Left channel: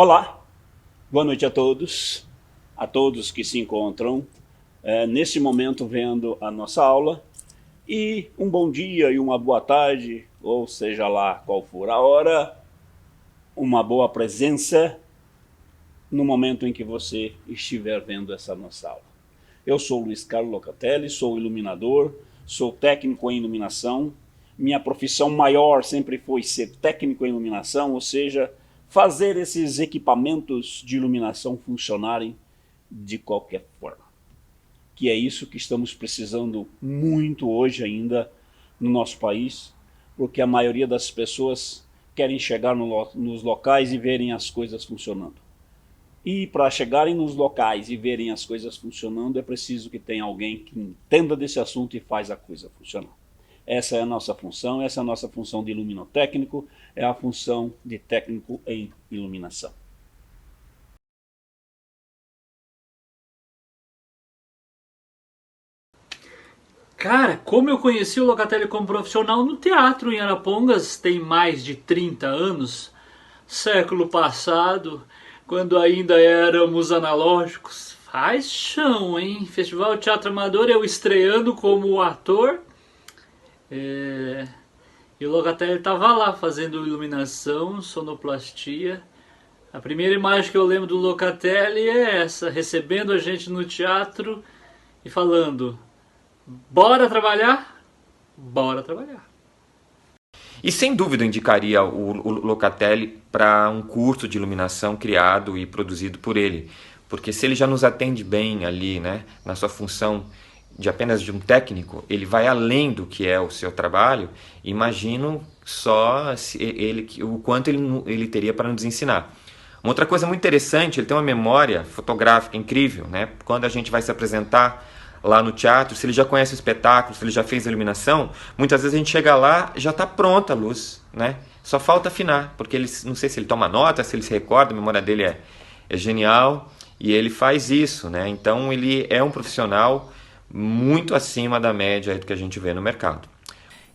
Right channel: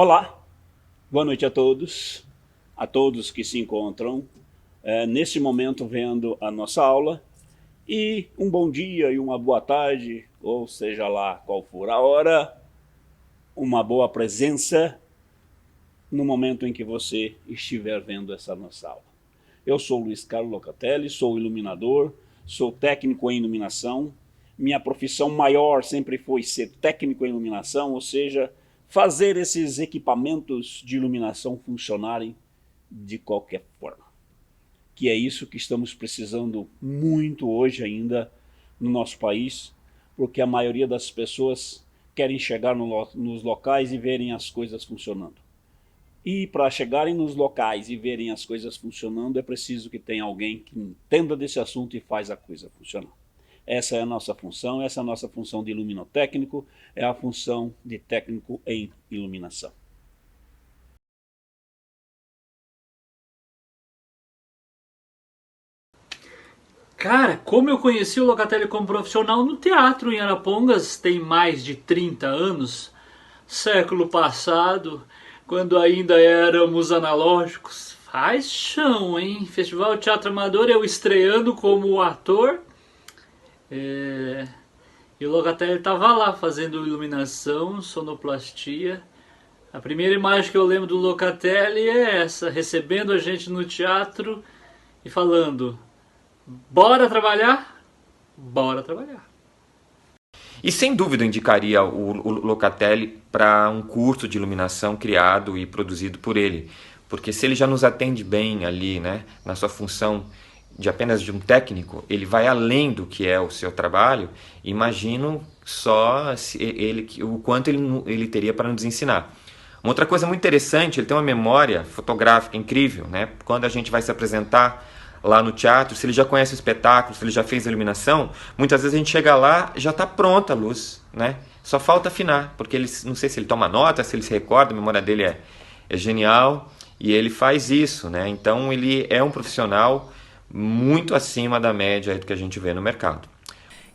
Olá, boa noite a todos que se encontram nesse momento vendo a nossa aula, e um bom dia e uma boa tarde, ou seja lá qual for a hora, uma boa presença no momento em que você estiver vendo essa nossa aula. Eu sou Luiz Carlos Locatelli, sou iluminador, sou técnico em iluminação. Minha profissão maior sempre foi ser técnico em iluminação, ou seja, fazer esses equipamentos de iluminação funcionarem de qualquer forma. Que é isso que estamos precisando muito hoje ainda no nosso país, porque a maioria das pessoas querem chegar nos locais e verem as coisas funcionando. E para chegarem nos locais e verem as coisas funcionando, é preciso que tenha alguém que entenda desse assunto e faz a coisa funcionar. Essa é a nossa função, essa é a nossa função de iluminotécnico, é a função de técnico em iluminação. Cara, como eu conheci o Locatelli como profissional no teatro em Arapongas tem mais de 30 anos, século passado, quando ainda éramos analógicos. Faz chão, hein? Festival Teatro Amador, eu estreando como ator. E o Locatelli tava lá fazendo iluminação, sonoplastia. A primeira imagem que eu lembro do Locatelli é essa, recebendo a gente no teatro e falando: bora trabalhar? Bora trabalhar. E sem dúvida eu indicaria o Locatelli para um curso de iluminação criado e produzido por ele. Porque se ele já nos atende bem ali, né, na sua função de apenas de um técnico, ele vai além do que é o seu trabalho. Imagino só o quanto ele teria para nos ensinar. Uma outra coisa muito interessante, ele tem uma memória fotográfica incrível, né? Quando a gente vai se apresentar lá no teatro, se ele já conhece o espetáculo, se ele já fez a iluminação, muitas vezes a gente chega lá, já está pronta a luz, né? Só falta afinar, porque ele, não sei se ele toma nota, se ele se recorda, a memória dele é genial, e ele faz isso, né? Então ele é um profissional muito acima da média do que a gente vê no mercado.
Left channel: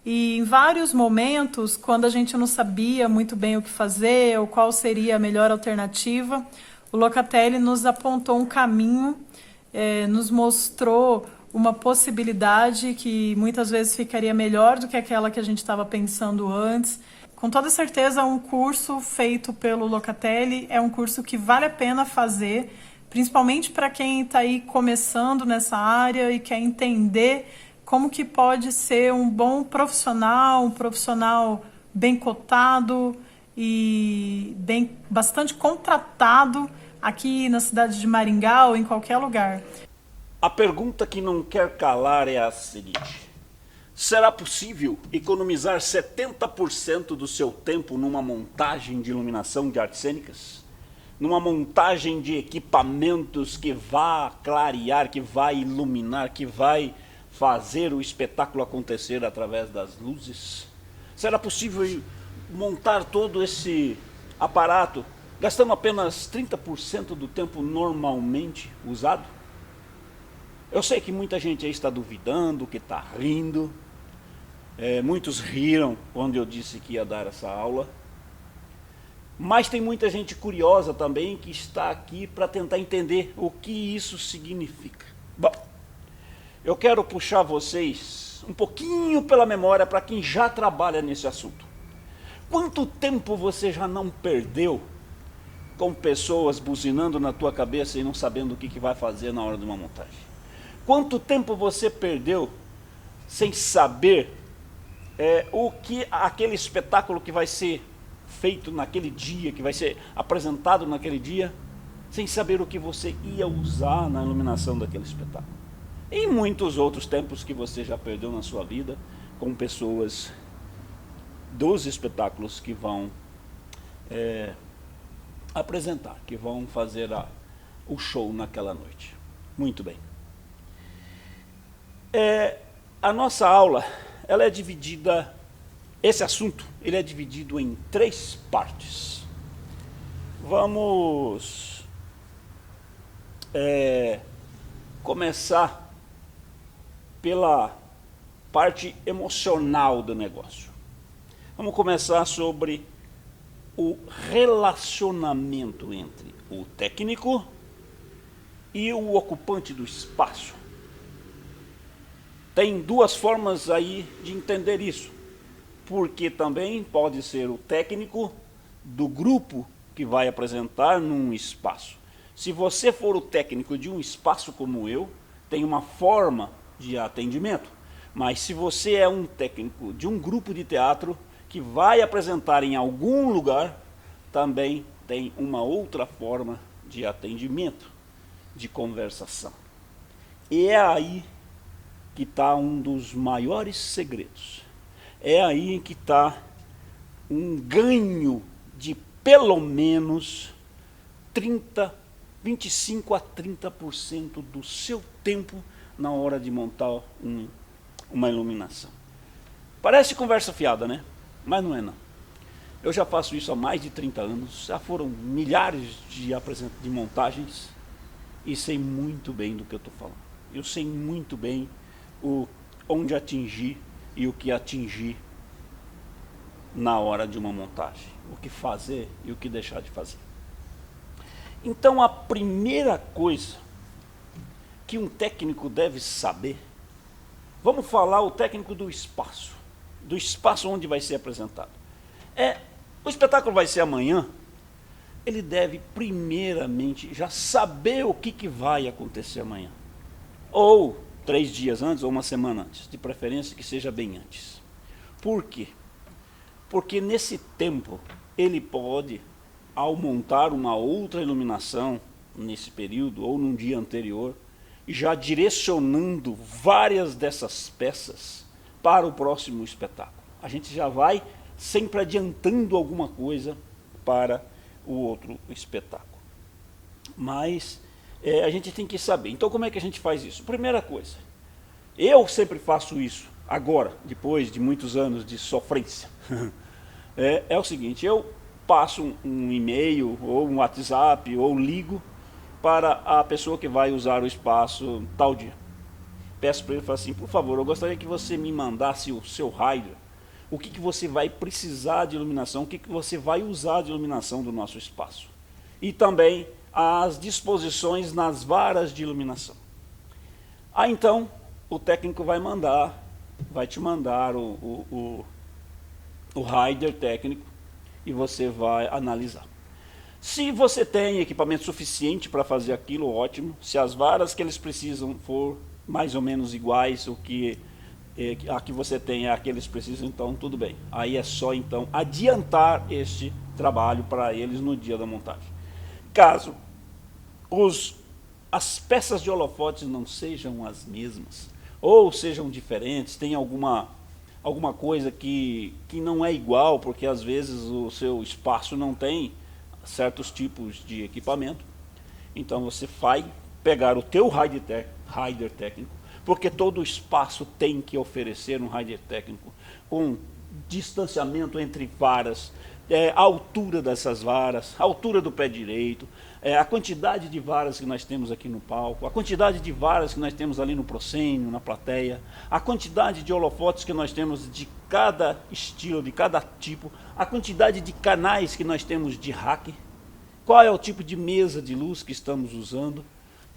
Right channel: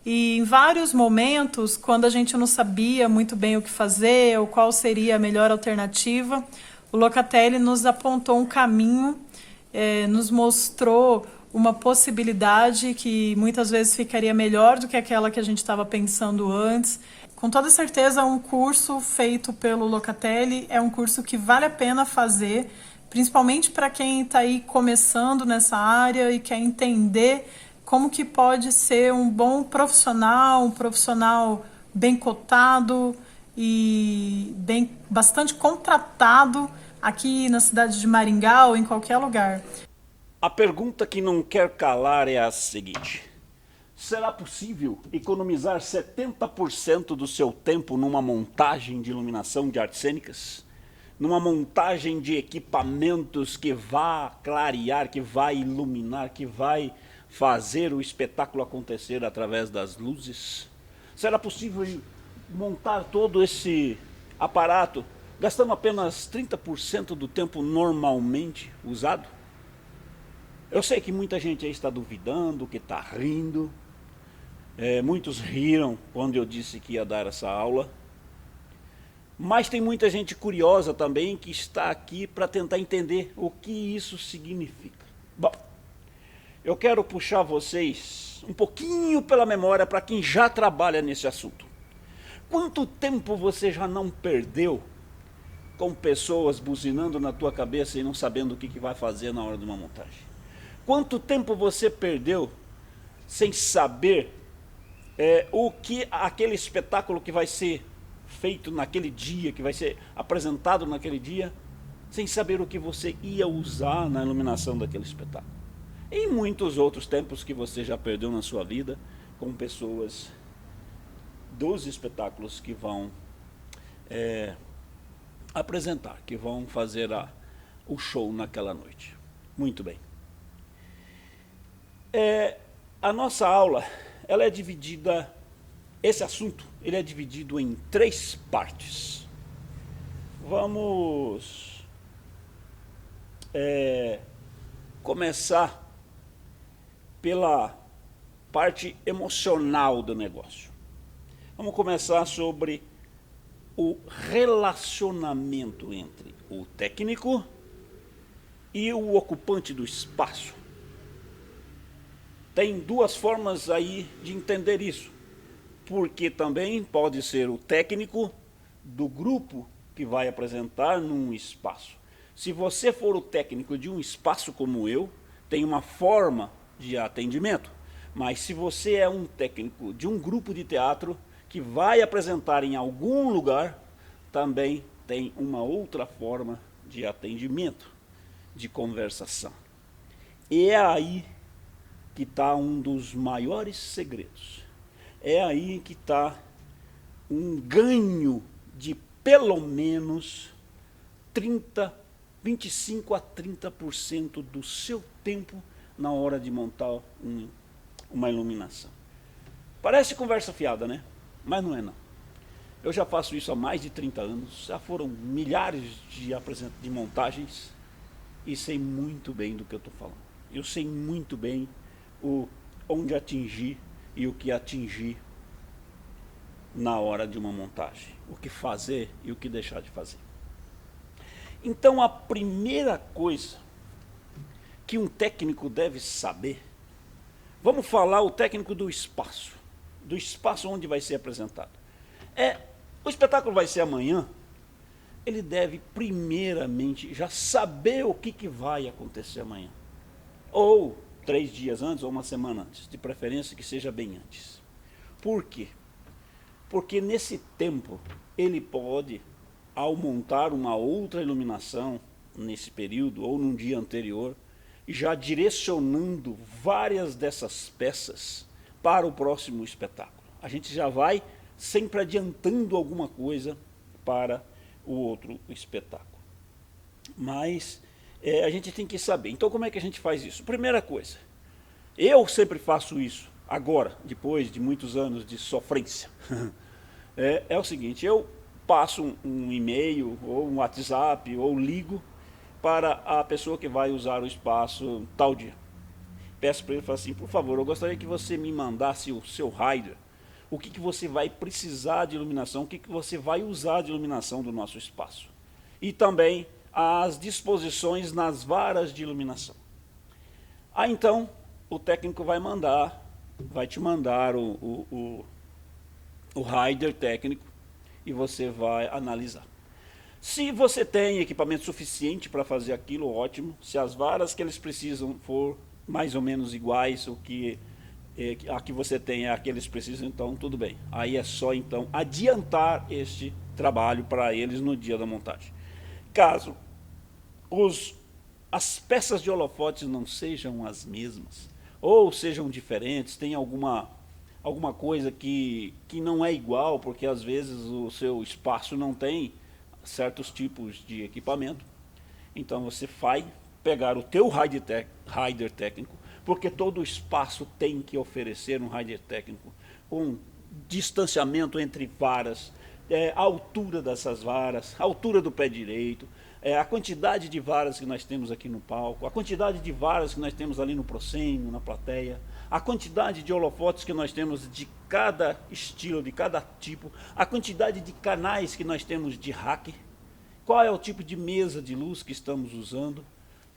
E em vários momentos, quando a gente não sabia muito bem o que fazer ou qual seria a melhor alternativa, o Locatelli nos apontou um caminho, nos mostrou uma possibilidade que muitas vezes ficaria melhor do que aquela que a gente estava pensando antes. Com toda certeza, um curso feito pelo Locatelli é um curso que vale a pena fazer, principalmente para quem está aí começando nessa área e quer entender como que pode ser um bom profissional, um profissional bem cotado e bastante contratado aqui na cidade de Maringá ou em qualquer lugar. A pergunta que não quer calar é a seguinte: será possível economizar 70% do seu tempo numa montagem de iluminação de artes cênicas? Numa montagem de equipamentos que vá clarear, que vai iluminar, que vai fazer o espetáculo acontecer através das luzes? Será possível montar todo esse aparato gastando apenas 30% do tempo normalmente usado? Eu sei que muita gente aí está duvidando, que está rindo. Muitos riram quando eu disse que ia dar essa aula. Mas tem muita gente curiosa também que está aqui para tentar entender o que isso significa. Bom, eu quero puxar vocês um pouquinho pela memória para quem já trabalha nesse assunto. Quanto tempo você já não perdeu com pessoas buzinando na tua cabeça e não sabendo o que vai fazer na hora de uma montagem? Quanto tempo você perdeu sem saber o que aquele espetáculo que vai ser feito naquele dia, que vai ser apresentado naquele dia, sem saber o que você ia usar na iluminação daquele espetáculo? E muitos outros tempos que você já perdeu na sua vida com pessoas dos espetáculos que vão apresentar, que vão fazer o show naquela noite. Muito bem. A nossa aula, ela é dividida, esse assunto, ele é dividido em 3 partes. Vamos começar pela parte emocional do negócio. Vamos começar sobre o relacionamento entre o técnico e o ocupante do espaço. Tem duas formas aí de entender isso, porque também pode ser o técnico do grupo que vai apresentar num espaço. Se você for o técnico de um espaço como eu, tem uma forma de atendimento. Mas se você é um técnico de um grupo de teatro que vai apresentar em algum lugar, também tem uma outra forma de atendimento, de conversação. E é aí que está um dos maiores segredos. É aí que está um ganho de pelo menos 25 a 30% do seu tempo na hora de montar uma iluminação. Parece conversa fiada, né? Mas não é não. Eu já faço isso há mais de 30 anos, já foram milhares de montagens e sei muito bem do que eu estou falando. Eu sei muito bem onde atingir e o que atingir na hora de uma montagem, o que fazer e o que deixar de fazer. Então a primeira coisa que um técnico deve saber, vamos falar o técnico do espaço onde vai ser apresentado. O espetáculo vai ser amanhã, ele deve primeiramente já saber o que vai acontecer amanhã. Ou 3 dias antes, ou uma semana antes, de preferência que seja bem antes. Por quê? Porque nesse tempo ele pode, ao montar uma outra iluminação nesse período ou num dia anterior, já direcionando várias dessas peças para o próximo espetáculo. A gente já vai sempre adiantando alguma coisa para o outro espetáculo. Mas a gente tem que saber. Então como é que a gente faz isso? Primeira coisa, eu sempre faço isso, agora, depois de muitos anos de sofrência. É o seguinte, eu passo um e-mail, ou um WhatsApp, ou ligo para a pessoa que vai usar o espaço tal dia. Peço para ele, falo assim, por favor, eu gostaria que você me mandasse o seu rider, o que você vai precisar de iluminação, o que você vai usar de iluminação do nosso espaço. E também as disposições nas varas de iluminação. Então, o técnico vai te mandar o rider técnico e você vai analisar. Se você tem equipamento suficiente para fazer aquilo, ótimo. Se as varas que eles precisam for mais ou menos iguais, a que você tem é a que eles precisam, então tudo bem. Aí é só então adiantar este trabalho para eles no dia da montagem. Caso as peças de holofotes não sejam as mesmas, ou sejam diferentes, tem alguma coisa que não é igual, porque às vezes o seu espaço não tem certos tipos de equipamento, então você vai pegar o teu rider técnico, porque todo espaço tem que oferecer um rider técnico com distanciamento entre varas, a altura dessas varas, a altura do pé direito, a quantidade de varas que nós temos aqui no palco, a quantidade de varas que nós temos ali no proscênio, na plateia, a quantidade de holofotes que nós temos de cada estilo, de cada tipo, a quantidade de canais que nós temos de rack, qual é o tipo de mesa de luz que estamos usando,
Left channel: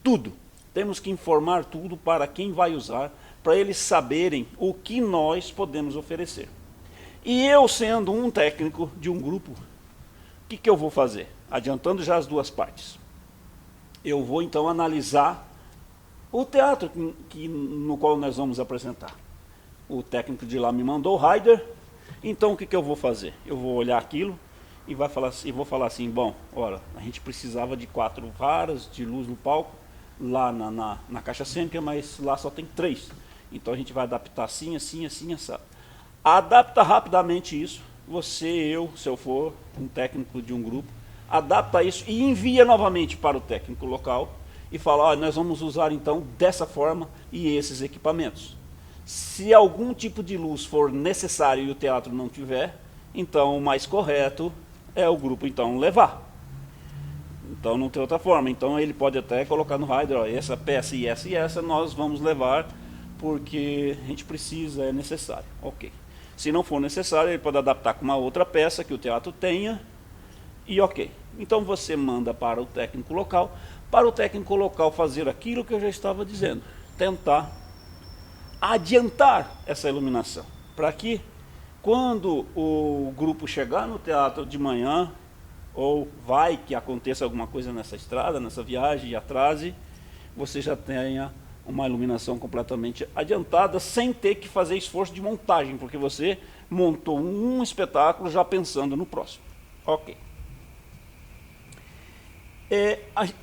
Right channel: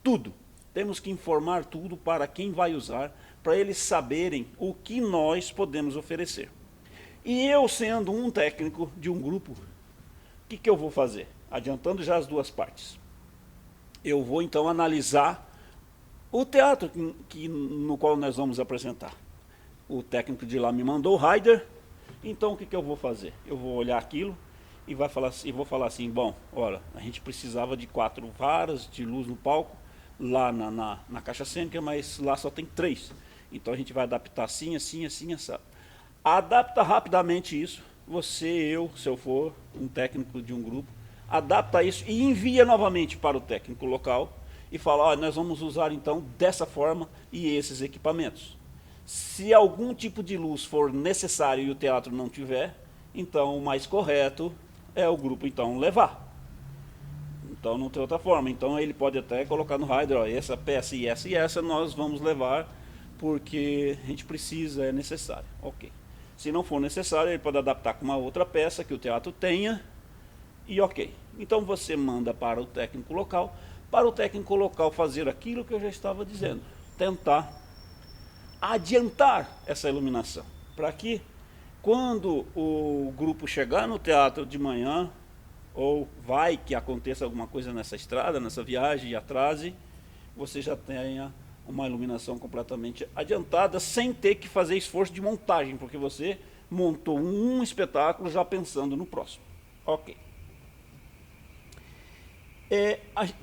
tudo. Temos que informar tudo para quem vai usar, para eles saberem o que nós podemos oferecer. E eu, sendo um técnico de um grupo, o que eu vou fazer? Adiantando já as duas partes. Eu vou então analisar o teatro no qual nós vamos apresentar. O técnico de lá me mandou o rider, então o que eu vou fazer? Eu vou olhar aquilo e vou falar assim, bom, olha, a gente precisava de 4 varas de luz no palco, lá na caixa cênica, mas lá só tem 3. Então a gente vai adaptar assim, assim, assim, assado. Adapta rapidamente isso, se eu for um técnico de um grupo, adapta isso e envia novamente para o técnico local e fala, nós vamos usar então dessa forma e esses equipamentos. Se algum tipo de luz for necessário e o teatro não tiver, então o mais correto é o grupo então levar. Então não tem outra forma, então ele pode até colocar no rider, essa peça e essa nós vamos levar porque a gente precisa, é necessário. Ok. Se não for necessário, ele pode adaptar com uma outra peça que o teatro tenha e ok. Então você manda para o técnico local fazer aquilo que eu já estava dizendo, tentar adiantar essa iluminação, para que quando o grupo chegar no teatro de manhã, ou vai que aconteça alguma coisa nessa estrada, nessa viagem e atrase, você já tenha uma iluminação completamente adiantada, sem ter que fazer esforço de montagem, porque você montou um espetáculo já pensando no próximo. Ok.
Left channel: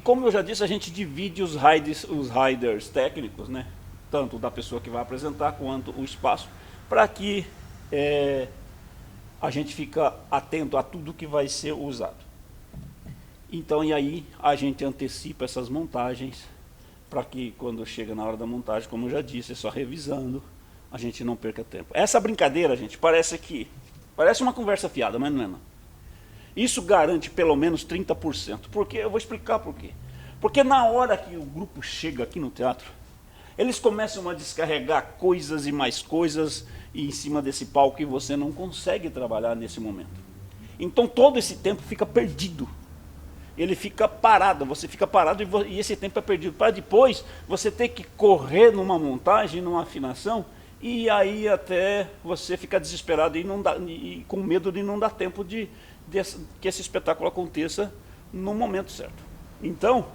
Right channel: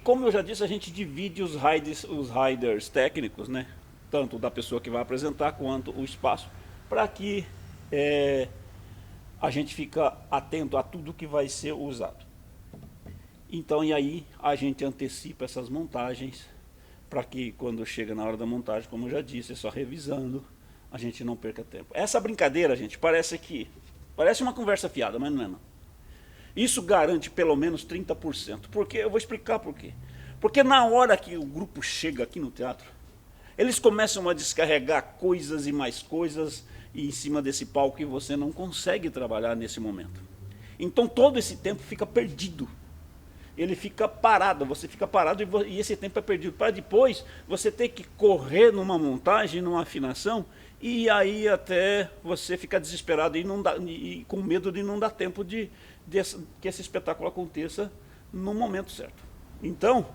Como eu já disse, a gente divide os riders técnicos, né? Tanto da pessoa que vai apresentar quanto o espaço, para que a gente fica atento a tudo que vai ser usado. Então, e aí a gente antecipa essas montagens, para que quando chega na hora da montagem, como eu já disse, é só revisando, a gente não perca tempo. Essa brincadeira, gente, parece uma conversa fiada, mas não é não. Isso garante pelo menos 30%. Porque eu vou explicar por quê. Porque na hora que o grupo chega aqui no teatro, eles começam a descarregar coisas e mais coisas em cima desse palco e você não consegue trabalhar nesse momento. Então todo esse tempo fica perdido. Ele fica parado, você fica parado e esse tempo é perdido. Para depois você ter que correr numa montagem, numa afinação, e aí até você fica desesperado e com medo de não dar tempo que esse espetáculo aconteça no momento certo. Então,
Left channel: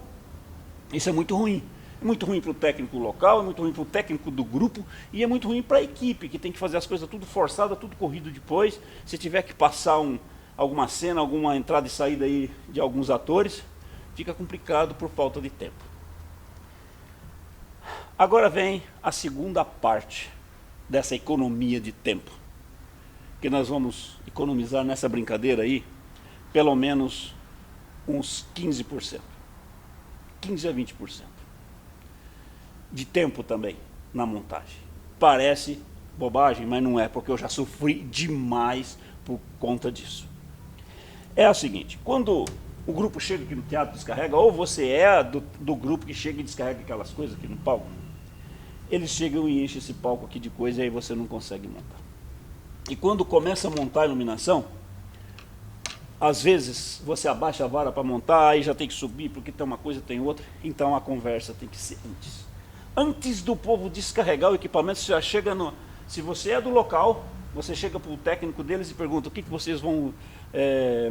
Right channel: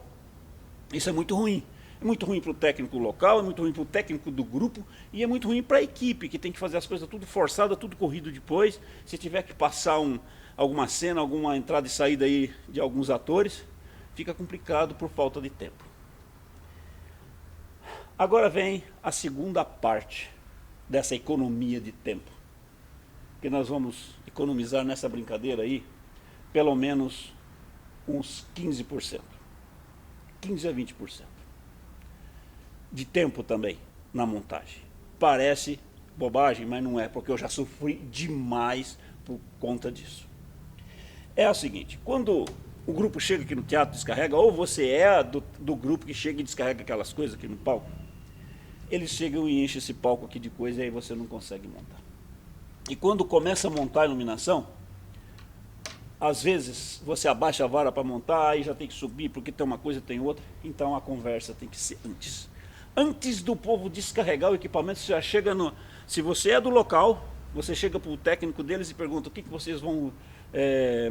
isso é muito ruim. É muito ruim para o técnico local, é muito ruim para o técnico do grupo e é muito ruim para a equipe, que tem que fazer as coisas tudo forçada, tudo corrido depois. Se tiver que passar alguma cena, alguma entrada e saída aí de alguns atores, fica complicado por falta de tempo. Agora vem a segunda parte dessa economia de tempo, que nós vamos economizar nessa brincadeira aí, pelo menos uns 15%, 15 a 20% de tempo também na montagem. Parece bobagem, mas não é, porque eu já sofri demais por conta disso. É o seguinte, quando o grupo chega aqui no teatro, descarrega, ou você é do grupo que chega e descarrega aquelas coisas aqui no palco, eles chegam e enchem esse palco aqui de coisa e aí você não consegue montar. E quando começa a montar a iluminação, às vezes você abaixa a vara para montar, aí já tem que subir porque tem uma coisa, tem outra, então a conversa tem que ser antes. Antes do povo descarregar o equipamento, você já chega no... Se você é do local, você chega para o técnico deles e pergunta o que vocês vão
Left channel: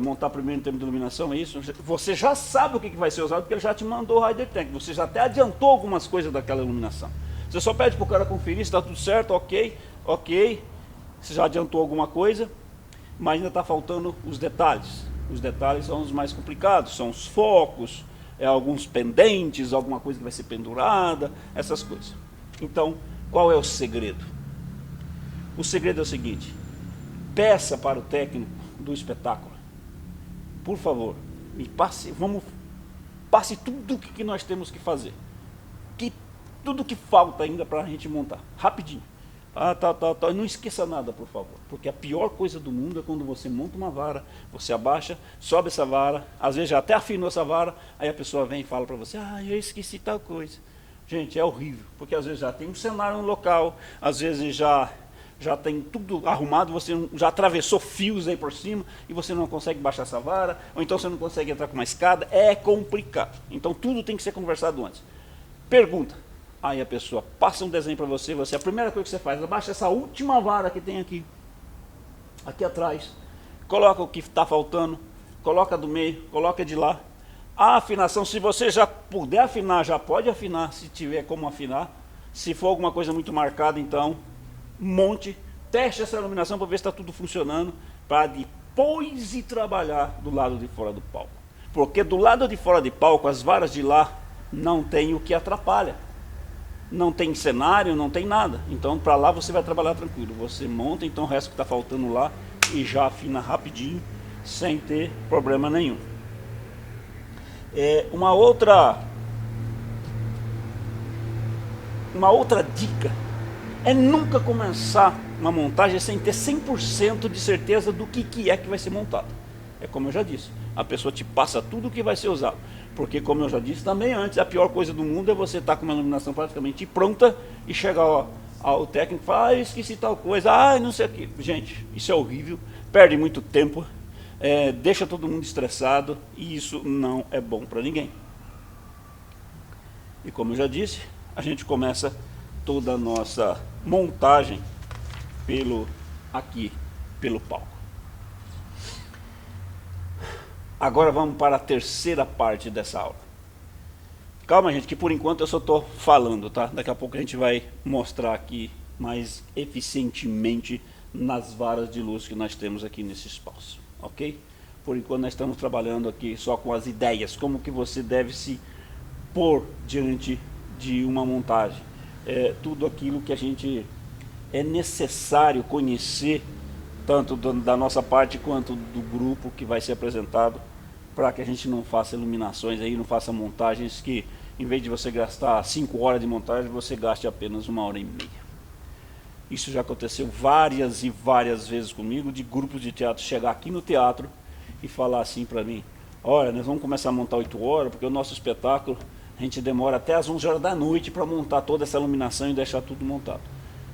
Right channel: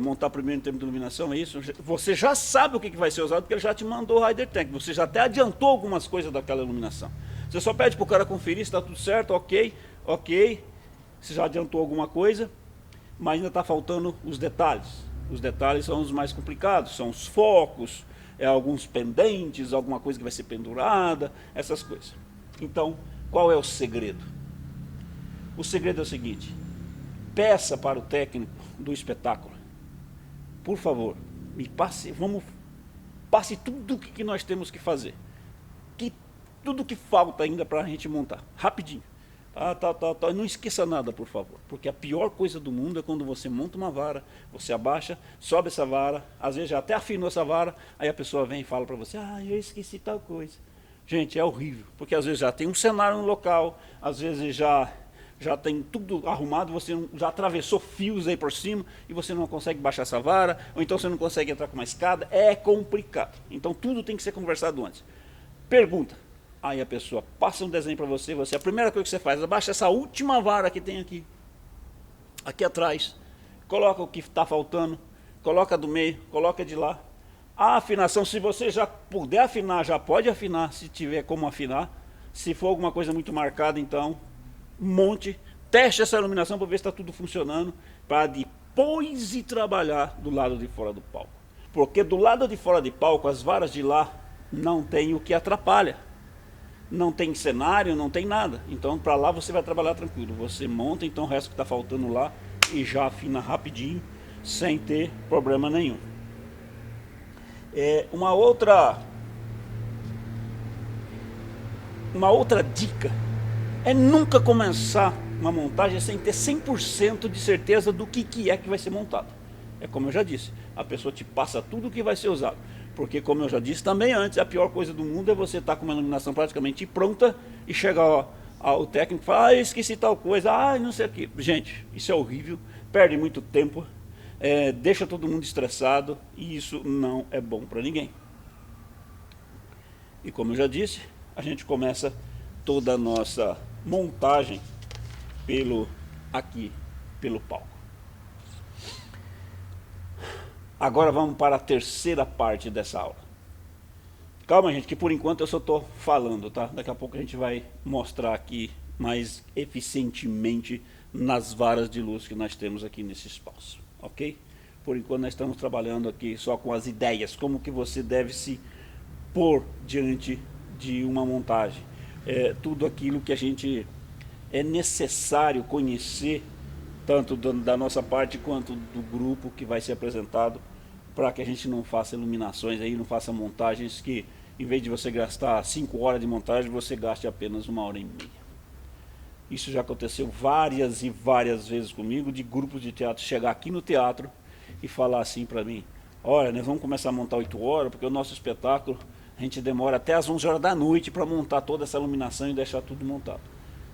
montar primeiro em termos de iluminação, é isso? Você já sabe o que vai ser usado porque ele já te mandou o rider técnico, você já até adiantou algumas coisas daquela iluminação. Você só pede para o cara conferir se está tudo certo, ok, você já adiantou alguma coisa, mas ainda está faltando os detalhes. Os detalhes são os mais complicados, são os focos, alguns pendentes, alguma coisa que vai ser pendurada, essas coisas. Então, qual é o segredo? O segredo é o seguinte, peça para o técnico do espetáculo, por favor, passe tudo o que nós temos que fazer, tudo que falta ainda para a gente montar, rapidinho. Não esqueça nada, por favor, porque a pior coisa do mundo é quando você monta uma vara, você abaixa, sobe essa vara, às vezes já até afinou essa vara, aí a pessoa vem e fala para você, eu esqueci tal coisa. Gente, é horrível, porque às vezes já tem um cenário no local, às vezes já tem tudo arrumado, você já atravessou fios aí por cima e você não consegue baixar essa vara, ou então você não consegue entrar com uma escada, é complicado. Então tudo tem que ser conversado antes. Pergunta. Aí a pessoa passa um desenho para você, a primeira coisa que você faz, abaixa essa última vara que tem aqui atrás, coloca o que está faltando, coloca do meio, coloca de lá. A afinação, se você já puder afinar, já pode afinar, se tiver como afinar. Se for alguma coisa muito marcada, então, monte, teste essa iluminação para ver se está tudo funcionando, para depois ir trabalhar do lado de fora do palco. Porque do lado de fora do palco, as varas de lá não tem o que atrapalha. Não tem cenário, não tem nada. Então, para lá você vai trabalhar tranquilo. Você monta, então, o resto que está faltando lá e já afina rapidinho, sem ter problema nenhum. Uma outra dica é nunca começar uma montagem sem ter 100% de certeza do que é que vai ser montado. É como eu já disse, a pessoa te passa tudo o que vai ser usado. Porque, como eu já disse também antes, a pior coisa do mundo é você estar com uma iluminação praticamente pronta e chegar ao técnico e falar, esqueci tal coisa, não sei o que. Gente, isso é horrível, perde muito tempo, deixa todo mundo estressado e isso não é bom para ninguém. E como eu já disse, a gente começa toda a nossa montagem pelo palco. Agora vamos para a terceira parte dessa aula. Calma, gente, que por enquanto eu só estou falando, tá? Daqui a pouco a gente vai mostrar aqui mais eficientemente nas varas de luz que nós temos aqui nesse espaço, ok? Por enquanto nós estamos trabalhando aqui só com as ideias, como que você deve se pôr diante de uma montagem. Tudo aquilo que a gente é necessário conhecer, tanto da nossa parte quanto do grupo que vai ser apresentado, para que a gente não faça iluminações aí, não faça montagens que, em vez de você gastar 5 horas de montagem, você gaste apenas 1h30. Isso já aconteceu várias e várias vezes comigo, de grupos de teatro chegar aqui no teatro e falar assim para mim: olha, nós vamos começar a montar 8 horas, porque o nosso espetáculo a gente demora até as 11 horas da noite para montar toda essa iluminação e deixar tudo montado.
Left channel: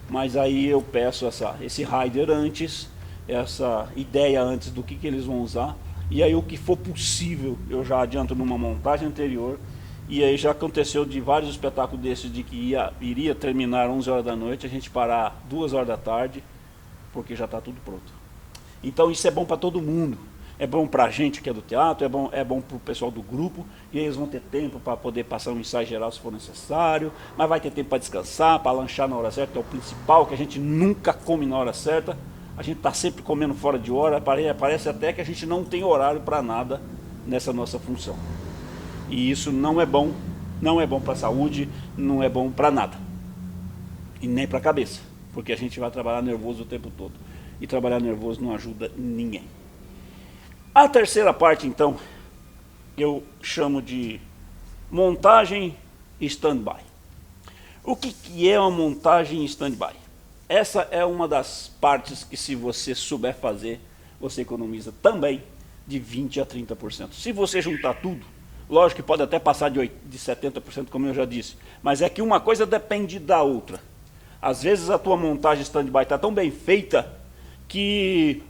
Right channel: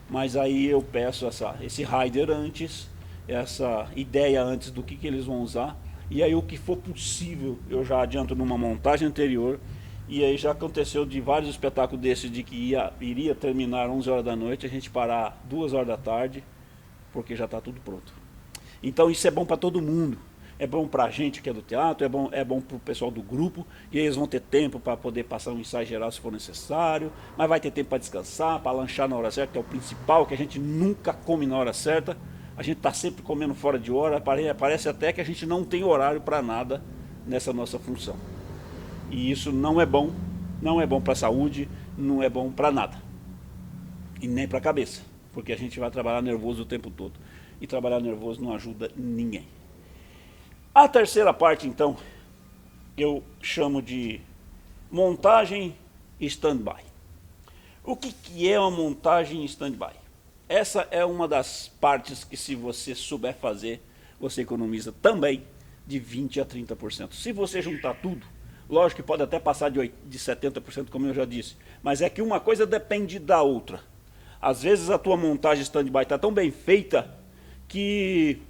Mas aí eu peço esse rider antes, essa ideia antes do que eles vão usar, e aí o que for possível eu já adianto numa montagem anterior. E aí já aconteceu de vários espetáculos desses de que iria terminar 11 horas da noite, a gente parar 2 horas da tarde, porque já está tudo pronto. Então isso é bom para todo mundo. É bom para a gente que é do teatro, é bom para o pessoal do grupo, e eles vão ter tempo para poder passar um ensaio geral se for necessário, mas vai ter tempo para descansar, para lanchar na hora certa, que é o principal, que a gente nunca come na hora certa. A gente está sempre comendo fora de hora, parece até que a gente não tem horário para nada nessa nossa função. E isso não é bom para a saúde, não é bom para nada. E nem para a cabeça, porque a gente vai trabalhar nervoso o tempo todo. E trabalhar nervoso não ajuda ninguém. A terceira parte, então, eu chamo de montagem stand-by. O que é uma montagem stand-by? Essa é uma das partes que, se você souber fazer, você economiza também de 20% a 30%. Se você juntar tudo, lógico que pode até passar de 70%, como eu já disse, mas é que uma coisa depende da outra. Às vezes a tua montagem stand-by está tão bem feita que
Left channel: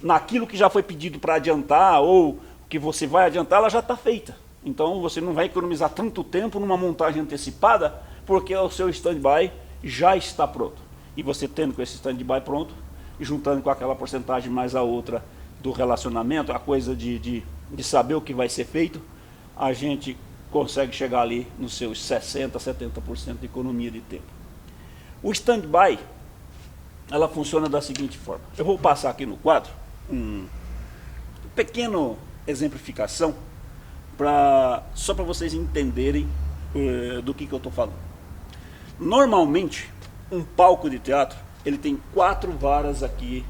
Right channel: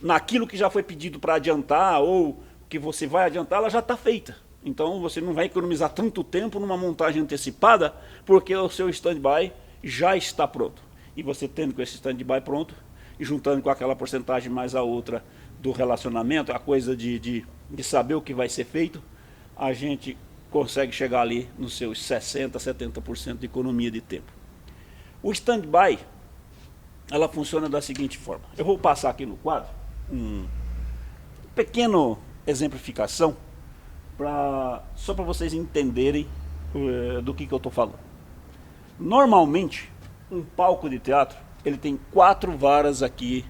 naquilo que já foi pedido para adiantar ou que você vai adiantar, ela já está feita. Então você não vai economizar tanto tempo numa montagem antecipada, porque o seu stand-by já está pronto. E você tendo com esse stand-by pronto, e juntando com aquela porcentagem mais a outra do relacionamento, a coisa de saber o que vai ser feito, a gente consegue chegar ali nos seus 60%, 70% de economia de tempo. O stand-by, ela funciona da seguinte forma. Eu vou passar aqui no quadro um pequeno exemplificação, só para vocês entenderem do que eu estou falando. Normalmente, um palco de teatro, ele tem 4 varas aqui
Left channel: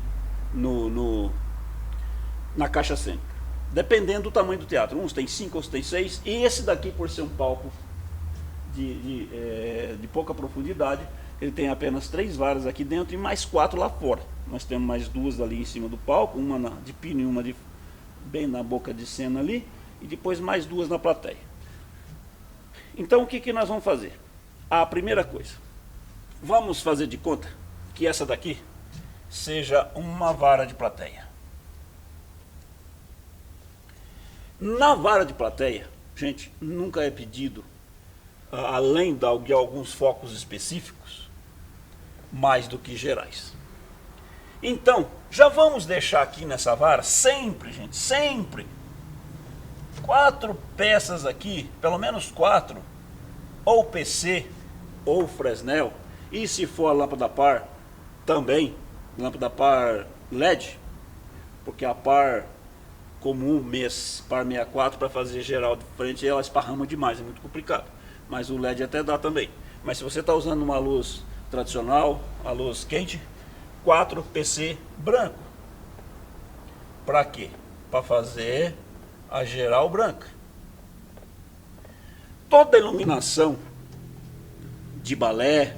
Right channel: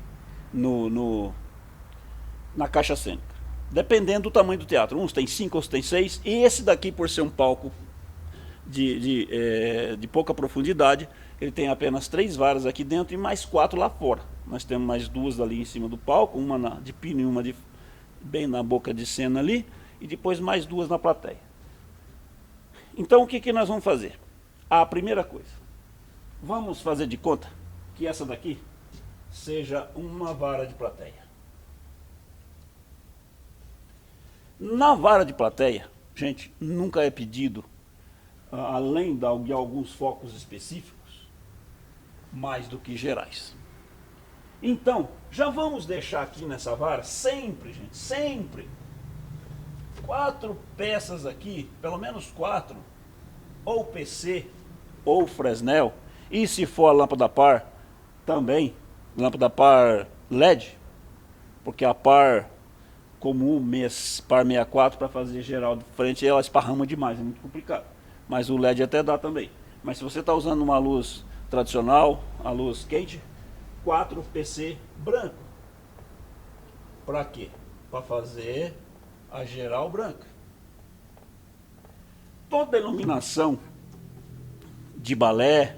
na caixa cênica. Dependendo do tamanho do teatro. Uns tem 5, outros tem 6. E esse daqui, por ser um palco de pouca profundidade, ele tem apenas 3 varas aqui dentro e mais 4 lá fora. Nós temos mais 2 ali em cima do palco, uma de pino e uma bem na boca de cena ali, e depois mais 2 na plateia. Então o que nós vamos fazer? A primeira coisa, vamos fazer de conta que essa daqui seja uma vara de plateia. Na vara de plateia, gente, nunca é pedido, além de alguns focos específicos, mais do que gerais. Então, já vamos deixar aqui nessa vara, sempre, gente, sempre, 4 peças aqui, pelo menos 4, ou PC, ou Fresnel, e se for a lâmpada par, também, lâmpada par LED, porque a par comum, par 64, para fazer geral de frente, ela esparrama demais, é muito complicado. Mas o LED até dá também. Mas se você está usando uma luz tradicional, a luz quente, 4 PC branco. Para quê? Para fazer a geral branca. Toda iluminação de balé,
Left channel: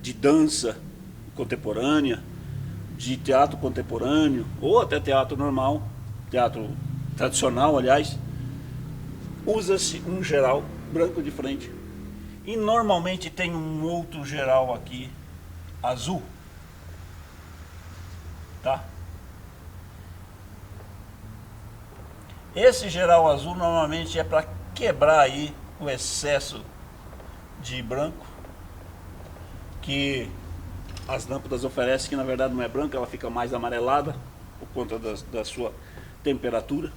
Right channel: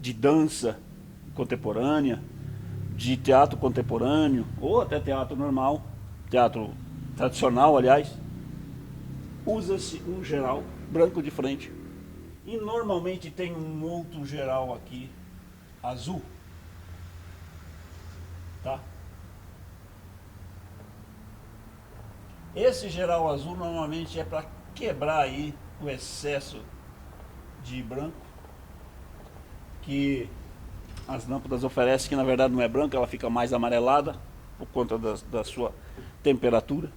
de dança contemporânea, de teatro contemporâneo, ou até teatro normal, teatro tradicional, aliás, usa-se um geral branco de frente. E normalmente tem um outro geral aqui, azul. Tá? Esse geral azul normalmente é para quebrar aí o excesso de branco que as lâmpadas oferecem, que na verdade não é branca, ela fica mais amarelada por conta da sua temperatura.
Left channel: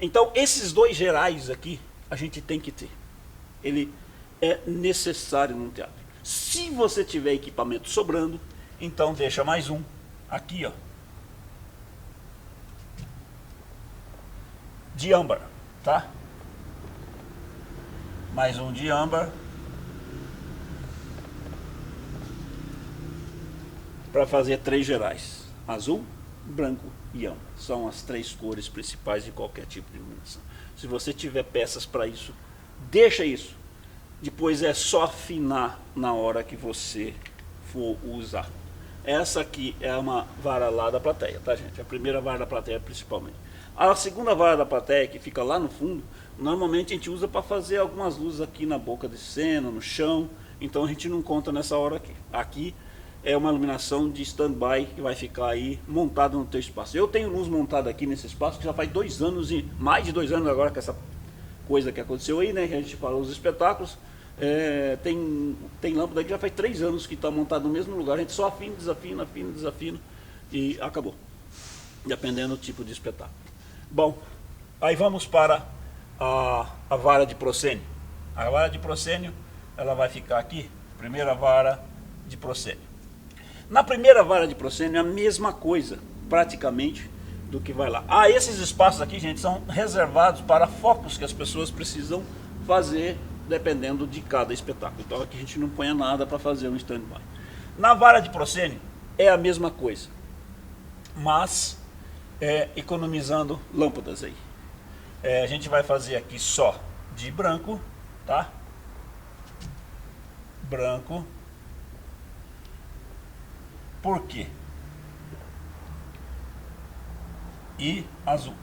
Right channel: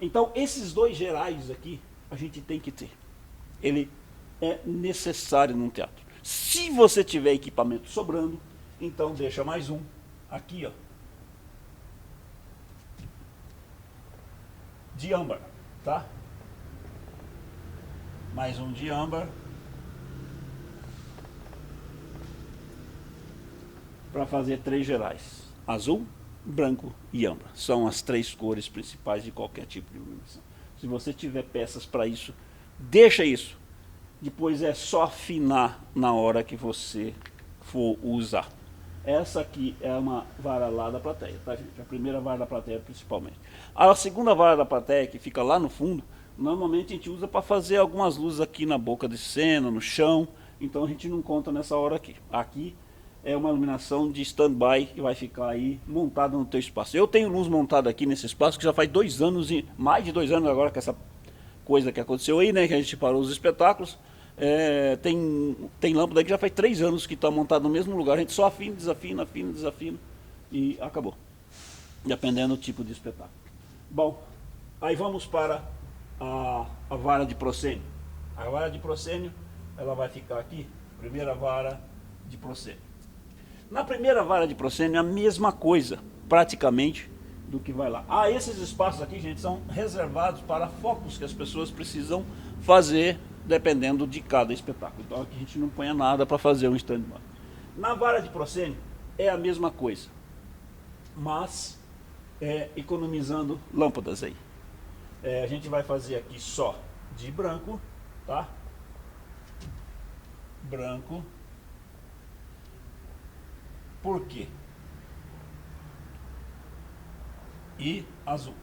Então esses dois gerais aqui a gente tem que ter. Ele é necessário num teatro. Se você tiver equipamento sobrando, então deixa mais um aqui, ó, de âmbar, tá? Mais um de âmbar para fazer 3 gerais: azul, branco e âmbar. São as 3 cores principais de qualquer tipo de iluminação. Se você tiver peças para isso, deixa isso. Depois é só afinar na hora que você for usar. Essa aqui é uma vara lá da plateia, tá, gente? A primeira vara da plateia principalmente. A segunda vara da plateia, que fica lá no fundo, normalmente a gente usa para fazer algumas luzes aqui na boca de cena, no chão. Então a gente não conta nessa hora aqui. Aqui é uma iluminação de stand-by que vai ficar aí montada no teu espaço. Eu tenho luz montada aqui nesse espaço que já faz 2 anos, e mais de 2 anos agora com essa coisa que aconteceu aí, né? Que a gente parou os espetáculos. Tem lâmpada que já faz 3 anos que está montada no mesmo lugar. A gente só afina, desafina e acabou. Dependendo do tipo de espetáculo. Bom, aí vamos para a vara de proscênio. A vara de proscênio, ela vai ficar aqui, primeira vara de proscênio. Na primeira vara de proscênio, a mesma coisa, praticamente, do que vai lá. Esses espaços aqui, gente, são reservados para focos que as pessoas precisam fazer, dependendo de cada espetáculo. Então aqui a gente não põe nada para fazer um stand-by. Na vara de proscênio, é a mesma coisa, mas economizando lâmpadas aí. A gente vai fazer aqui só de branco, tá? Branco. Por quê? E azul.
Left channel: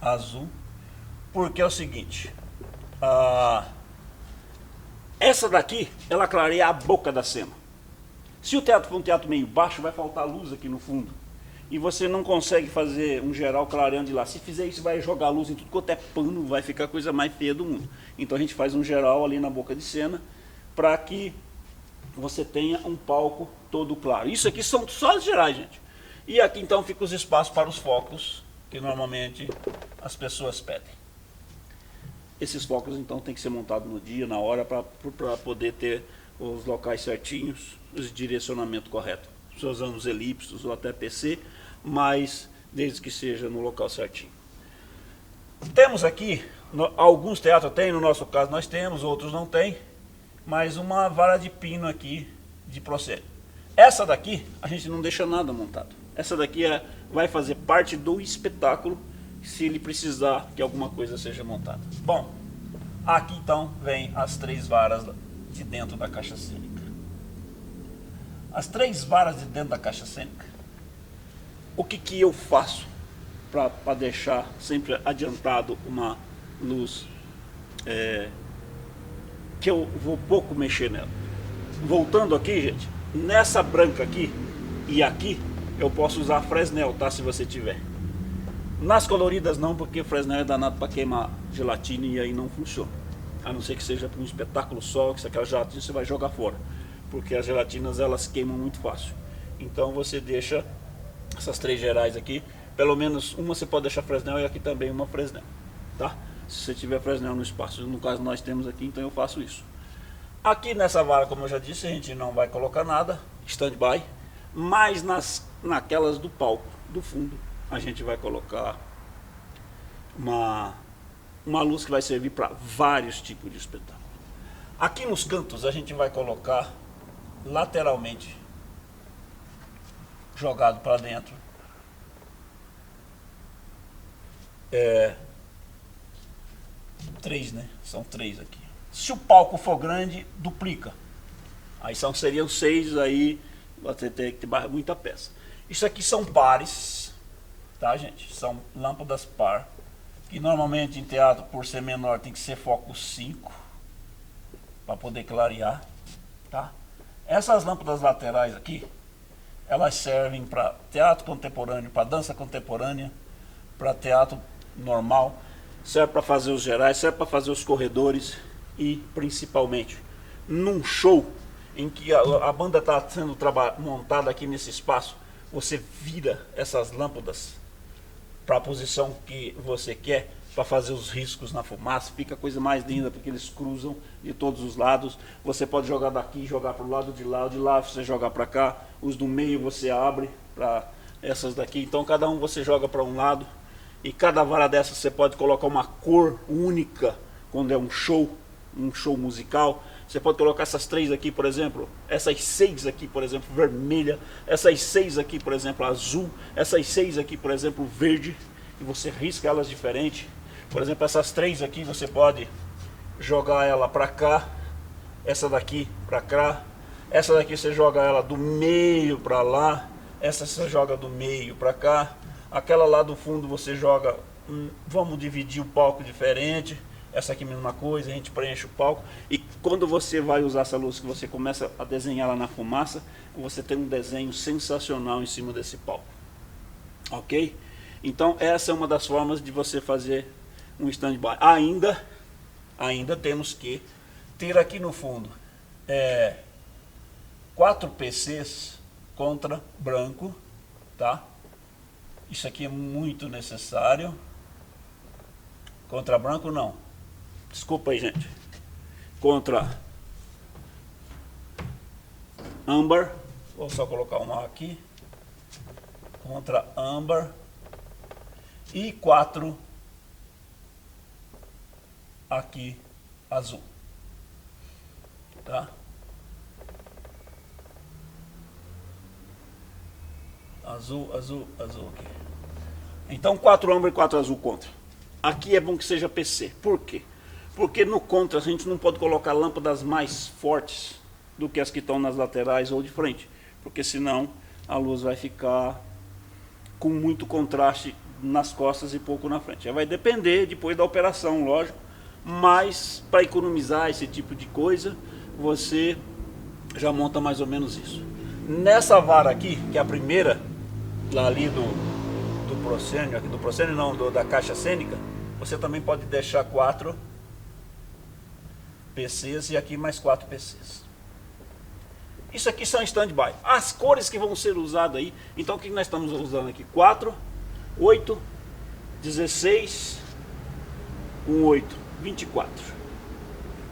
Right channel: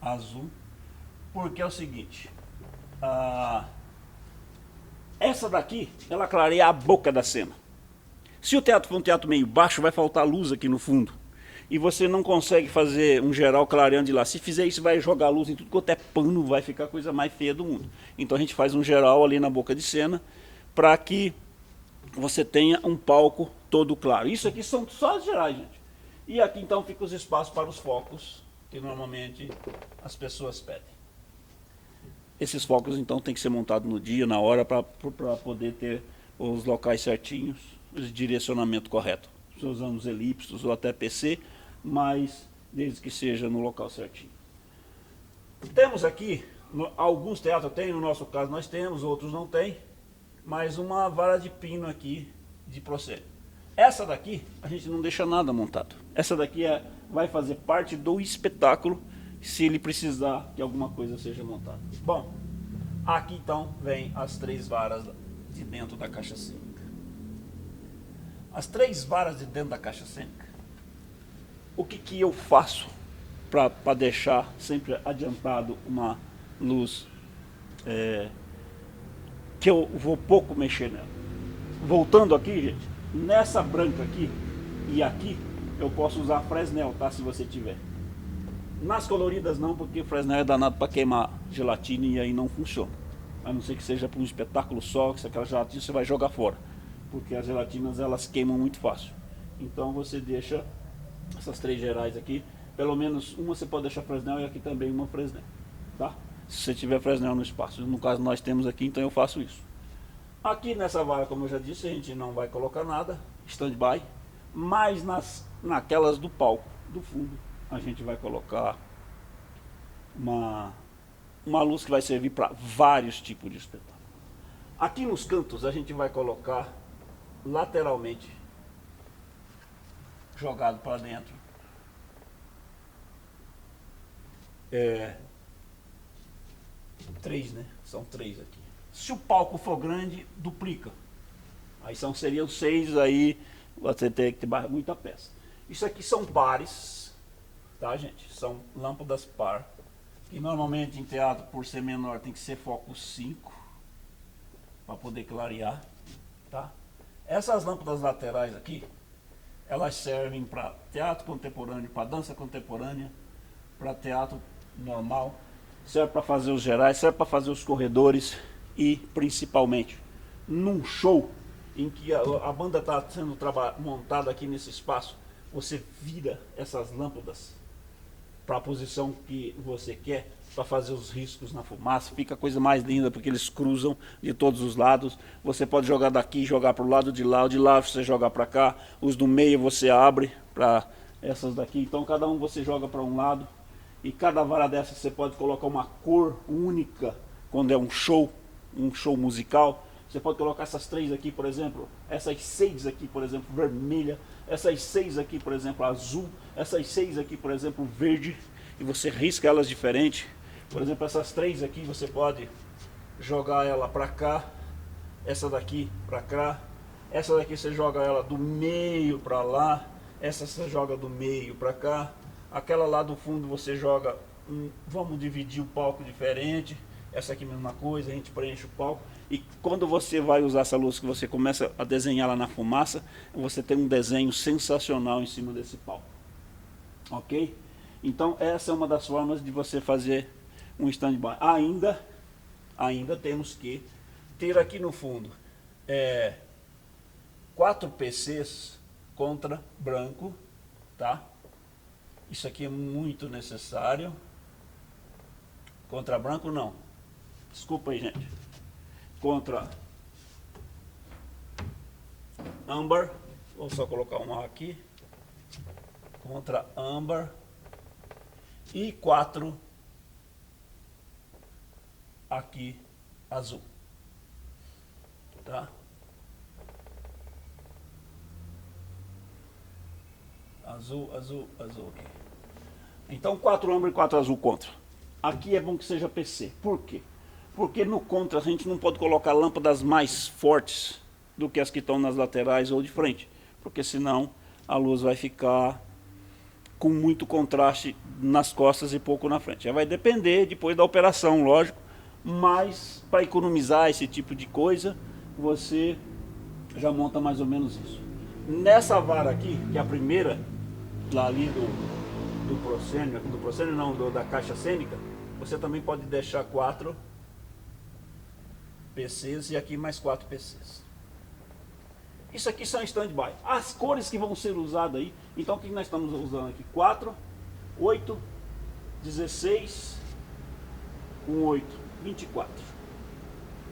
Azul, porque é o seguinte, essa daqui, ela clareia a boca da cena. Se o teatro for um teatro meio baixo, vai faltar luz aqui no fundo. E você não consegue fazer um geral clareando de lá. Se fizer isso, vai jogar luz em tudo quanto é pano, vai ficar a coisa mais feia do mundo. Então a gente faz um geral ali na boca de cena, para que você tenha um palco todo claro. Isso aqui são só as gerais, gente. E aqui então fica os espaços para os focos, que normalmente as pessoas pedem. Esses focos então tem que ser montados no dia, na hora, para poder ter os locais certinhos, o direcionamento correto. Se usando os elipsos ou até PC, mas desde que seja no local certinho. Temos aqui, alguns teatros tem, no nosso caso nós temos, outros não tem, mas uma vara de pino aqui de proscênio. Essa daqui a gente não deixa nada montado. Essa daqui vai fazer parte do espetáculo, se ele precisar que alguma coisa seja montada. Bom, aqui então vem as 3 varas de dentro da caixa cênica. As 3 varas de dentro da caixa cênica, o que eu faço para deixar sempre adiantado uma luz que eu vou pouco mexer nela? Voltando aqui, gente, nessa branca aqui e aqui, eu posso usar Fresnel, tá? Se você tiver. Nas coloridas não, porque Fresnel é danado para queimar gelatina e aí não funciona. A não ser que seja para um espetáculo só, que aquela gelatina você vai jogar fora. Porque as gelatinas elas queimam muito fácil. Então você deixa essas 3 gerais aqui. Pelo menos uma você pode deixar Fresnel e aqui também uma Fresnel. Tá? Se você tiver Fresnel no espaço. No caso nós temos aqui, então eu faço isso. Aqui nessa vara, como eu já disse, a gente não vai colocar nada. Stand-by. Mas naquelas do palco, do fundo, a gente vai colocar uma luz que vai servir para vários tipos de espetáculo. Aqui nos cantos a gente vai colocar lateralmente, jogado para dentro, 3, né? São 3 aqui. Se o palco for grande, duplica. Aí seriam 6, aí você tem que ter muita peça. Isso aqui são pares, tá, gente? São lâmpadas par, que normalmente em teatro, por ser menor, tem que ser foco 5, para poder clarear, tá? Essas lâmpadas laterais aqui, elas servem para teatro contemporâneo, para dança contemporânea, para teatro normal, serve para fazer os gerais, serve para fazer os corredores e principalmente num show em que a banda está sendo montada aqui nesse espaço, você vira essas lâmpadas para a posição que você quer, para fazer os riscos na fumaça, fica a coisa mais linda, porque eles cruzam de todos os lados. Você pode jogar daqui, jogar para o lado de lá, o de lá você joga para cá, os do meio você abre para essas daqui, então cada um você joga para um lado, e cada vara dessa você pode colocar uma cor única, quando é um show musical. Você pode colocar essas 3 aqui, por exemplo, essas 6 aqui, por exemplo, vermelha, essas 6 aqui, por exemplo, azul, essas 6 aqui, por exemplo, verde, e você risca elas diferente. Por exemplo, essas 3 aqui você pode jogar ela para cá, essa daqui para cá, essa daqui você joga ela do meio para lá, essa você joga do meio para cá, aquela lá do fundo você joga, vamos dividir o palco diferente, essa aqui mesma coisa, a gente preenche o palco, e quando você vai usar essa luz que você começa a desenhar lá na fumaça, você tem um desenho sensacional em cima desse palco, ok? Então essa é uma das formas de você fazer um stand-by. Ainda temos que ter aqui no fundo 4 PCs contra branco, tá? Isso aqui é muito necessário. Contra branco não. Desculpa aí, gente. Contra âmbar. Vou só colocar uma aqui. Contra âmbar. E 4 aqui azul, tá? Azul aqui. Então 4 âmbar e 4 azul contra. Aqui é bom que seja PC. Por quê? Porque no contra a gente não pode colocar lâmpadas mais fortes do que as que estão nas laterais ou de frente, porque senão a luz vai ficar com muito contraste nas costas e pouco na frente. Já vai depender depois da operação, lógico, mas para economizar esse tipo de coisa, você já monta mais ou menos isso. Nessa vara aqui, que é a primeira, lá ali do proscênio, aqui do proscênio não, da caixa cênica, você também pode deixar 4 PCs e aqui mais 4 PCs. Isso aqui são stand-by. As cores que vão ser usadas aí, então o que nós estamos usando aqui? 4, 8, 16, 8, 24.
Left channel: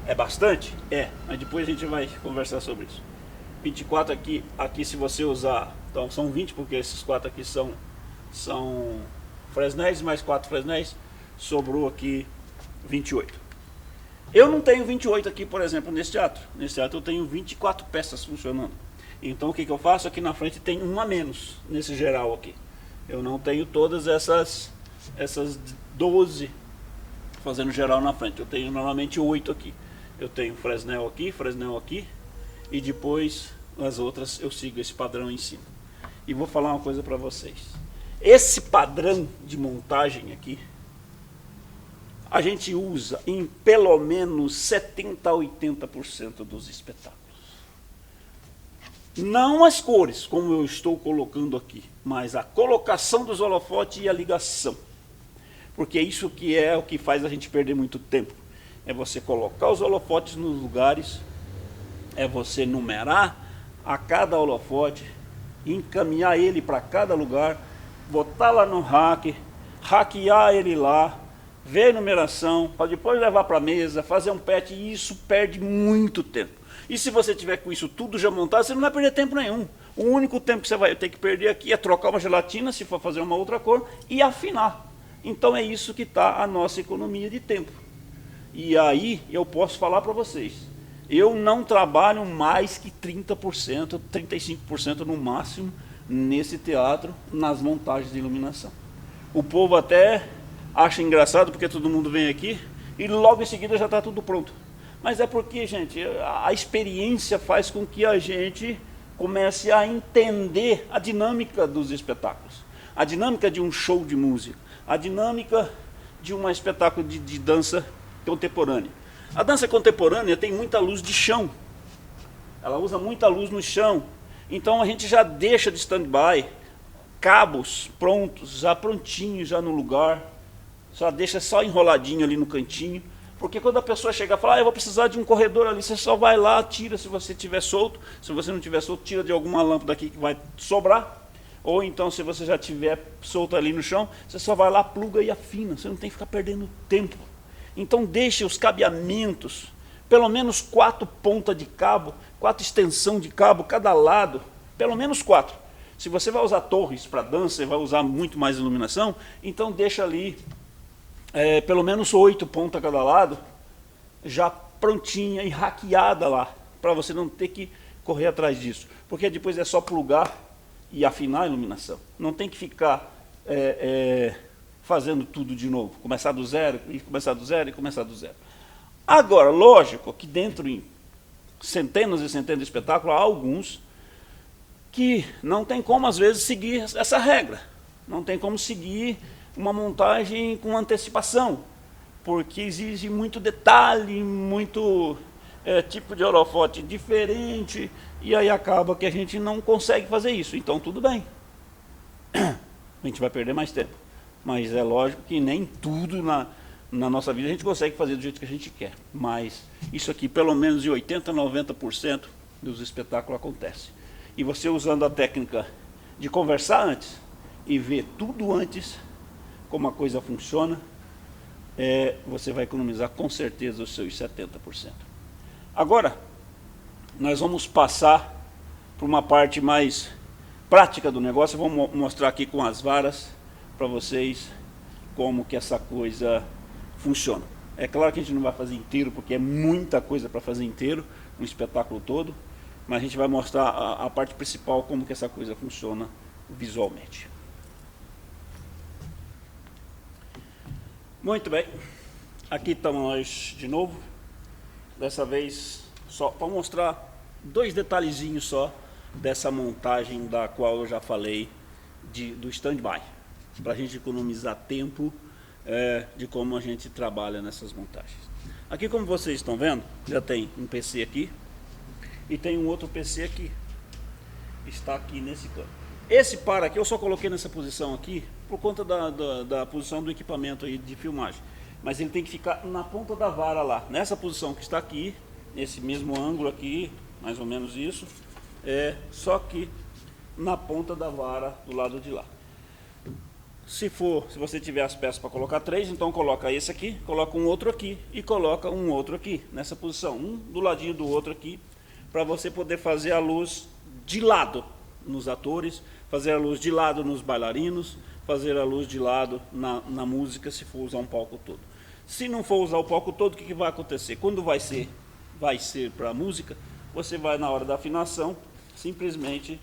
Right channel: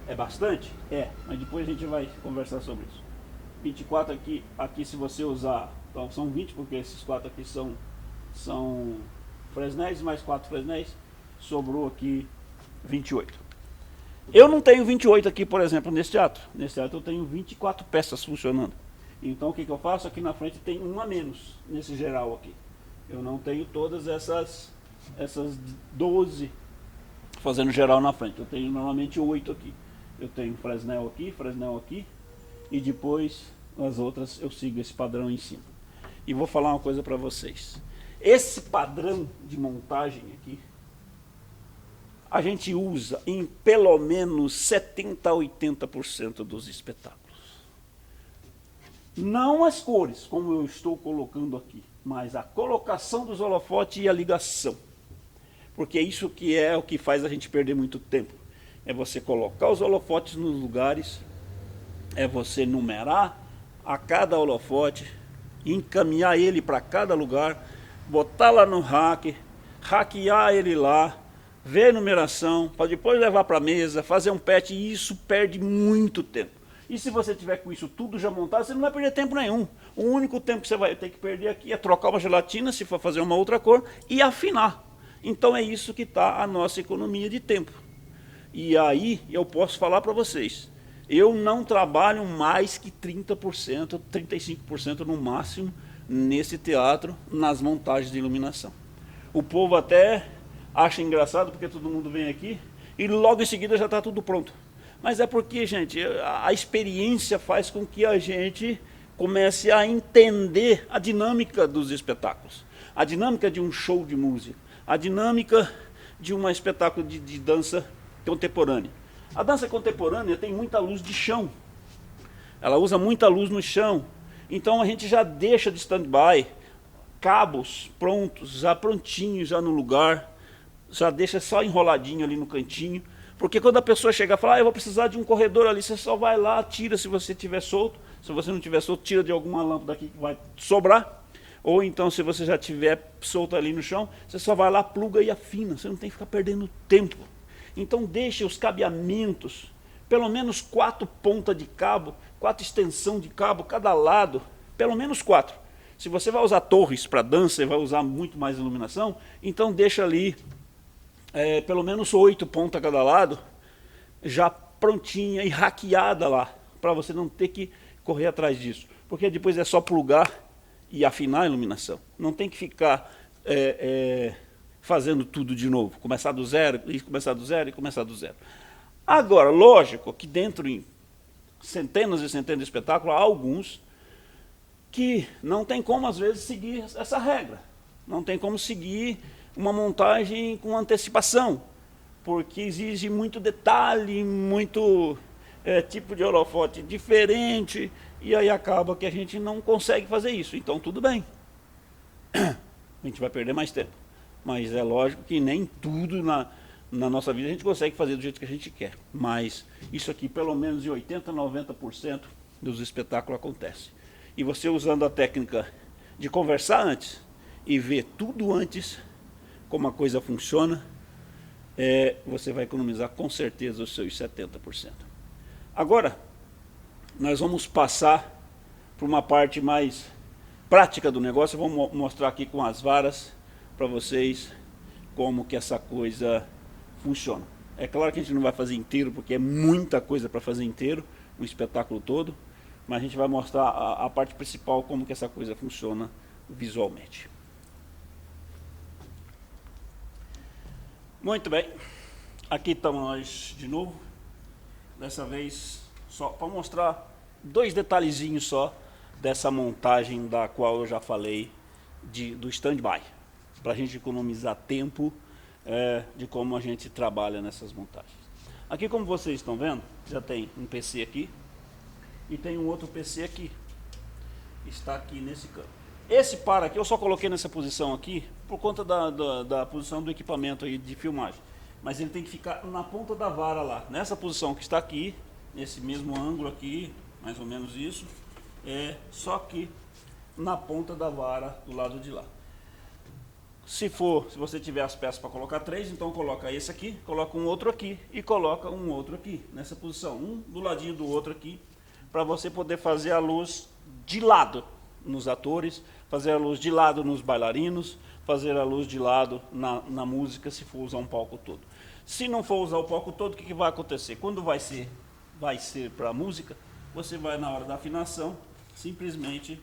É bastante? É, mas depois a gente vai conversar sobre isso. 24 aqui se você usar, então são 20, porque esses 4 aqui são Fresnéis, mais 4 Fresnéis, sobrou aqui 28. Eu não tenho 28 aqui, por exemplo, nesse teatro. Nesse teatro eu tenho 24 peças funcionando. Então o que eu faço? Aqui na frente tem um a menos, nesse geral aqui. Eu não tenho todas essas 12 fazendo geral na frente. Eu tenho normalmente 8 aqui. Eu tenho Fresnel aqui, e depois as outras eu sigo esse padrão em cima. E vou falar uma coisa para vocês. Esse padrão de montagem aqui, a gente usa em pelo menos 70 a 80% dos espetáculos. Não as cores, como eu estou colocando aqui, mas a colocação dos holofotes e a ligação. Porque é isso que é o que faz a gente perder muito tempo. É você colocar os holofotes nos lugares, é você numerar a cada holofote, encaminhar ele para cada lugar, botar lá no rack, hackear ele lá, ver a numeração, para depois levar para a mesa, fazer um patch, e isso perde muito tempo. E se você tiver com isso tudo já montado, você não vai perder tempo nenhum. O único tempo que você vai ter que perder aqui é trocar uma gelatina, se for fazer uma outra cor, e afinar. Então é isso que está a nossa economia de tempo. E aí eu posso falar para vocês, eu não trabalho mais que 30%, 35% no máximo nesse teatro, nas montagens de iluminação. O povo até acha engraçado porque todo mundo vem aqui e logo em seguida já está tudo pronto. Mas é porque, gente, a experiência faz com que a gente comece a entender a dinâmica dos espetáculos, a dinâmica de um show de música, a dinâmica de um espetáculo de dança contemporânea. A dança contemporânea tem muita luz de chão. ela usa muita luz no chão. Então a gente já deixa de stand-by cabos prontos, já prontinhos, já no lugar, já deixa só enroladinho ali no cantinho. Porque quando a pessoa chega e fala, eu vou precisar de um corredor ali, você só vai lá, tira se você tiver solto. Se você não tiver solto, tira de alguma lâmpada aqui que vai sobrar. Ou então, se você já tiver solto ali no chão, você só vai lá, pluga e afina. Você não tem que ficar perdendo tempo. Então deixe os cabeamentos, pelo menos 4 pontas de cabo, 4 extensão de cabo cada lado, pelo menos 4. Se você vai usar torres para dança, vai usar muito mais iluminação, então deixa ali pelo menos 8 pontas a cada lado, já prontinha e hackeada lá, para você não ter que correr atrás disso. Porque depois é só plugar e afinar a iluminação. Não tem que ficar fazendo tudo de novo, começar do zero, e começar do zero, e começar do zero. Agora, lógico que dentro em centenas e centenas de espetáculos, há alguns que não tem como, às vezes, seguir essa regra. Não tem como seguir uma montagem com antecipação, porque exige muito detalhe, muito tipo de holofote diferente, e aí acaba que a gente não consegue fazer isso. Então tudo bem, a gente vai perder mais tempo, mas é lógico que nem tudo na nossa vida a gente consegue fazer do jeito que a gente quer, mas isso aqui pelo menos em 80%, 90% dos espetáculos acontece. E você usando a técnica de conversar antes e ver tudo antes, como a coisa funciona, você vai economizar com certeza os seus 70%. Agora, nós vamos passar para uma parte mais prática do negócio. Eu vou mostrar aqui com as varas para vocês como que essa coisa funciona. É claro que a gente não vai fazer inteiro, porque é muita coisa para fazer inteiro, um espetáculo todo, mas a gente vai mostrar a parte principal, como que essa coisa funciona visualmente. Muito bem, aqui estamos nós de novo, dessa vez só para mostrar 2 detalhezinhos só dessa montagem da qual eu já falei do stand-by, para a gente economizar tempo de como a gente trabalha nessas montagens. Aqui, como vocês estão vendo, já tem um PC aqui e tem um outro PC aqui, está aqui nesse canto. Esse par aqui eu só coloquei nessa posição aqui por conta da posição do equipamento aí de filmagem. Mas ele tem que ficar na ponta da vara lá, nessa posição que está aqui, nesse mesmo ângulo aqui, mais ou menos isso, só que na ponta da vara do lado de lá. Se você tiver as peças para colocar 3, então coloca esse aqui, coloca um outro aqui e coloca um outro aqui, nessa posição, um do ladinho do outro aqui, para você poder fazer a luz de lado nos atores, fazer a luz de lado nos bailarinos, fazer a luz de lado na música, se for usar um palco todo. Se não for usar o palco todo, o que vai acontecer? Quando vai ser para a música, você vai na hora da afinação, simplesmente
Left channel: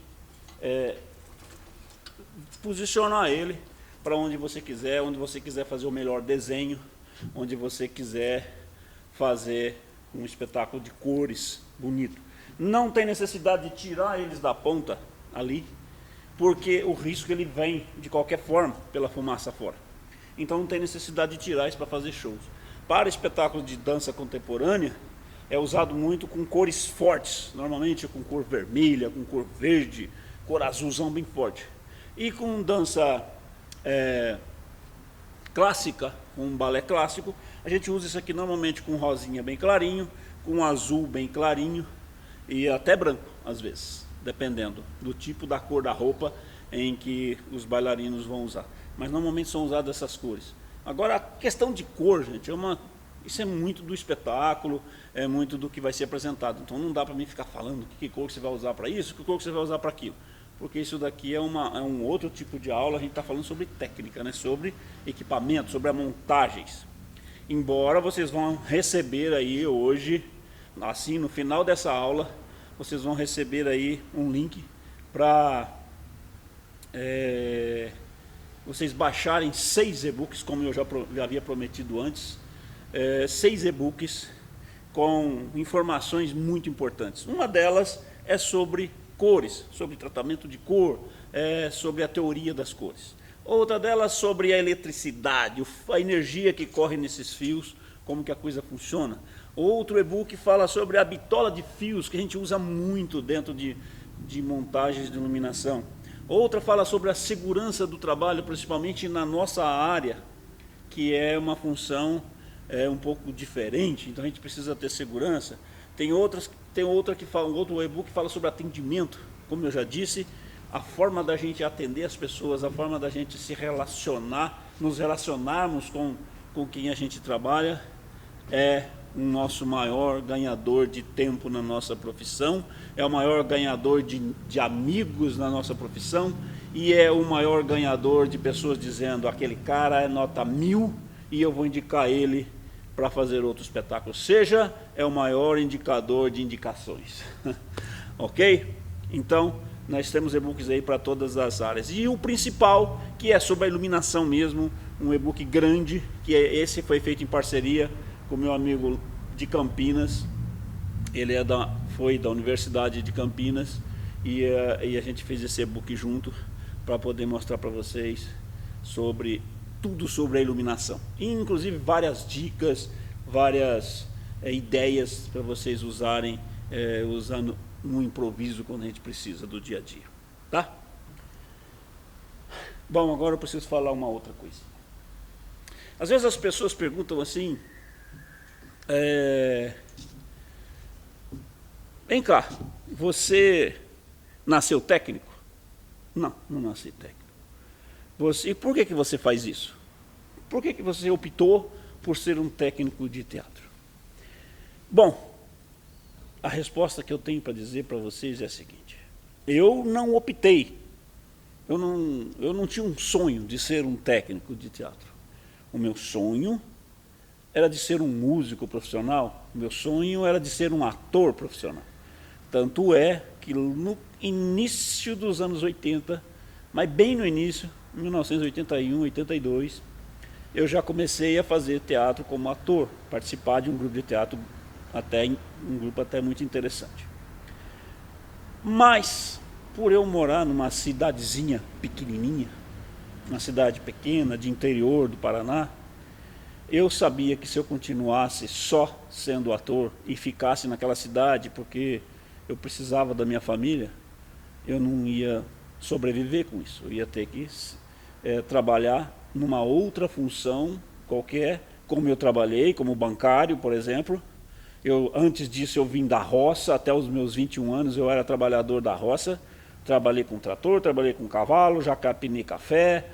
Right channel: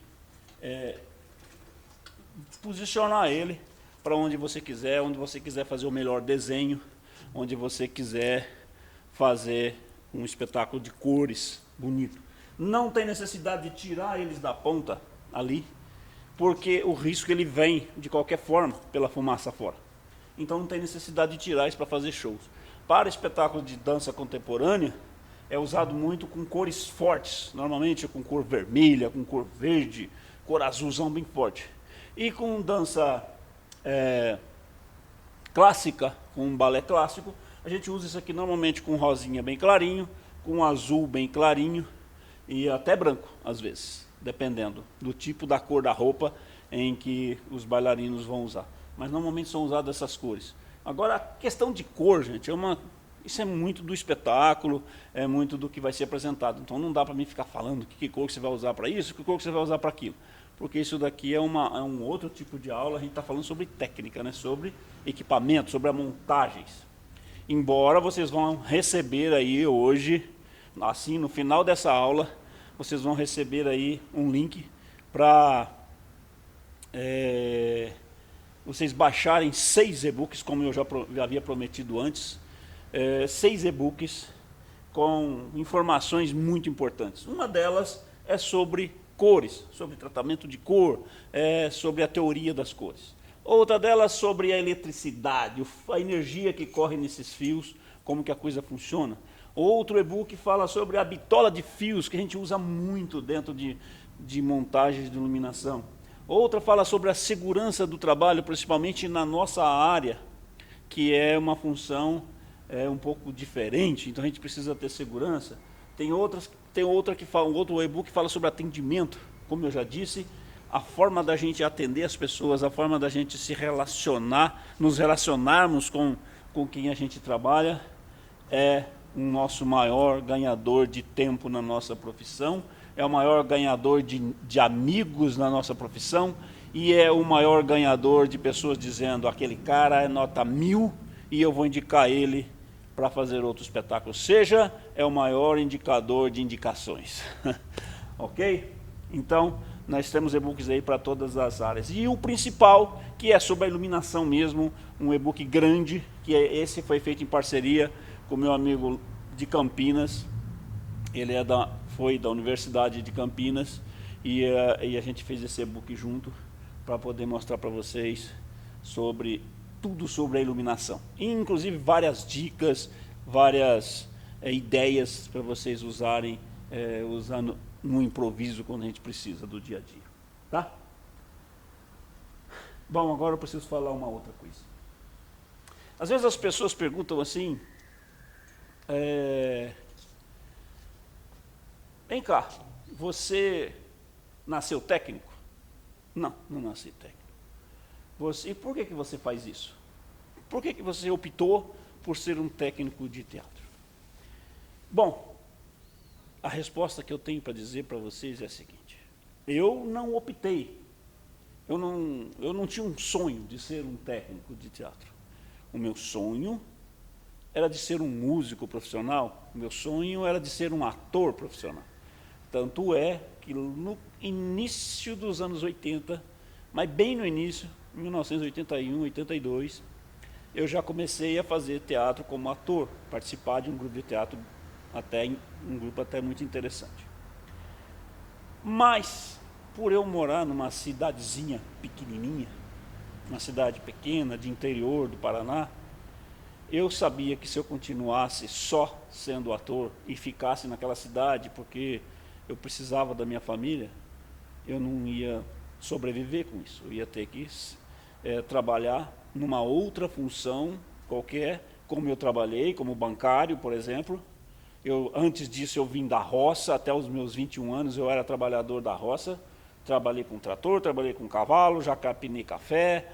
posicionar ele para onde você quiser fazer o melhor desenho, onde você quiser fazer um espetáculo de cores bonito. Não tem necessidade de tirar eles da ponta ali, porque o risco ele vem de qualquer forma pela fumaça fora. Então não tem necessidade de tirar isso para fazer shows. Para espetáculos de dança contemporânea, é usado muito com cores fortes, normalmente com cor vermelha, com cor verde, cor azulzão bem forte. E com dança clássica, com um balé clássico, a gente usa isso aqui normalmente com rosinha bem clarinho, com azul bem clarinho e até branco às vezes, dependendo do tipo da cor da roupa em que os bailarinos vão usar. Mas normalmente são usadas essas cores. Agora a questão de cor, gente, isso é muito do espetáculo, é muito do que vai ser apresentado. Então não dá para mim ficar falando que cor você vai usar para isso, que cor você vai usar para aquilo. Porque isso daqui é um outro tipo de aula, a gente está falando sobre técnica, né? Sobre equipamento, sobre montagens. Embora vocês vão receber aí hoje, assim, no final dessa aula, vocês vão receber aí um link para vocês baixarem 6 e-books, como eu já havia prometido antes. 6 e-books com informações muito importantes. Uma delas é sobre cores, sobre tratamento de cor, sobre a teoria das cores. Outra delas sobre a eletricidade, a energia que corre nesses fios, como que a coisa funciona. Outro e-book fala sobre a bitola de fios, que a gente usa muito dentro de montagens de iluminação. Outra fala sobre a segurança do trabalho, principalmente na nossa área, que é uma função um pouco diferente, então a gente precisa ter segurança. Tem outra que fala, outro e-book que fala sobre atendimento, como eu já disse, a forma da gente atender as pessoas, a forma da gente se relacionar, nos relacionarmos com quem a gente trabalha, é o nosso maior ganhador de tempo na nossa profissão, é o maior ganhador de amigos na nossa profissão e é o maior ganhador de pessoas dizendo: aquele cara é nota 1000 e eu vou indicar ele para fazer outro espetáculo. Seja, é o maior indicador de indicações. Ok? Então, nós temos e-books aí para todas as áreas. E o principal, que é sobre a iluminação mesmo, um e-book grande, que esse foi feito em parceria com meu amigo de Campinas. Ele foi da Universidade de Campinas e a gente fez esse e-book junto para poder mostrar para vocês tudo sobre a iluminação. E, inclusive várias dicas, várias ideias para vocês usarem, usando no improviso quando a gente precisa do dia a dia. Tá? Bom, agora eu preciso falar uma outra coisa. Às vezes as pessoas perguntam assim: vem cá, você nasceu técnico? Não, não nasci técnico. E por que você faz isso? Por que você optou por ser um técnico de teatro? Bom, a resposta que eu tenho para dizer para vocês é a seguinte: eu não optei, eu não tinha um sonho de ser um técnico de teatro. O meu sonho era de ser um músico profissional, o meu sonho era de ser um ator profissional. Tanto é que no início dos anos 80, mas bem no início, 1981, 82, eu já comecei a fazer teatro como ator, participar de um grupo de teatro, um grupo até muito interessante. Mas, por eu morar numa cidadezinha pequenininha, uma cidade pequena de interior do Paraná, eu sabia que se eu continuasse só sendo ator e ficasse naquela cidade porque eu precisava da minha família, eu não ia sobreviver com isso. Eu ia ter que trabalhar numa outra função qualquer, como eu trabalhei, como bancário, por exemplo. Antes disso eu vim da roça, até os meus 21 anos eu era trabalhador da roça. Trabalhei com trator, trabalhei com cavalo, já capinei café.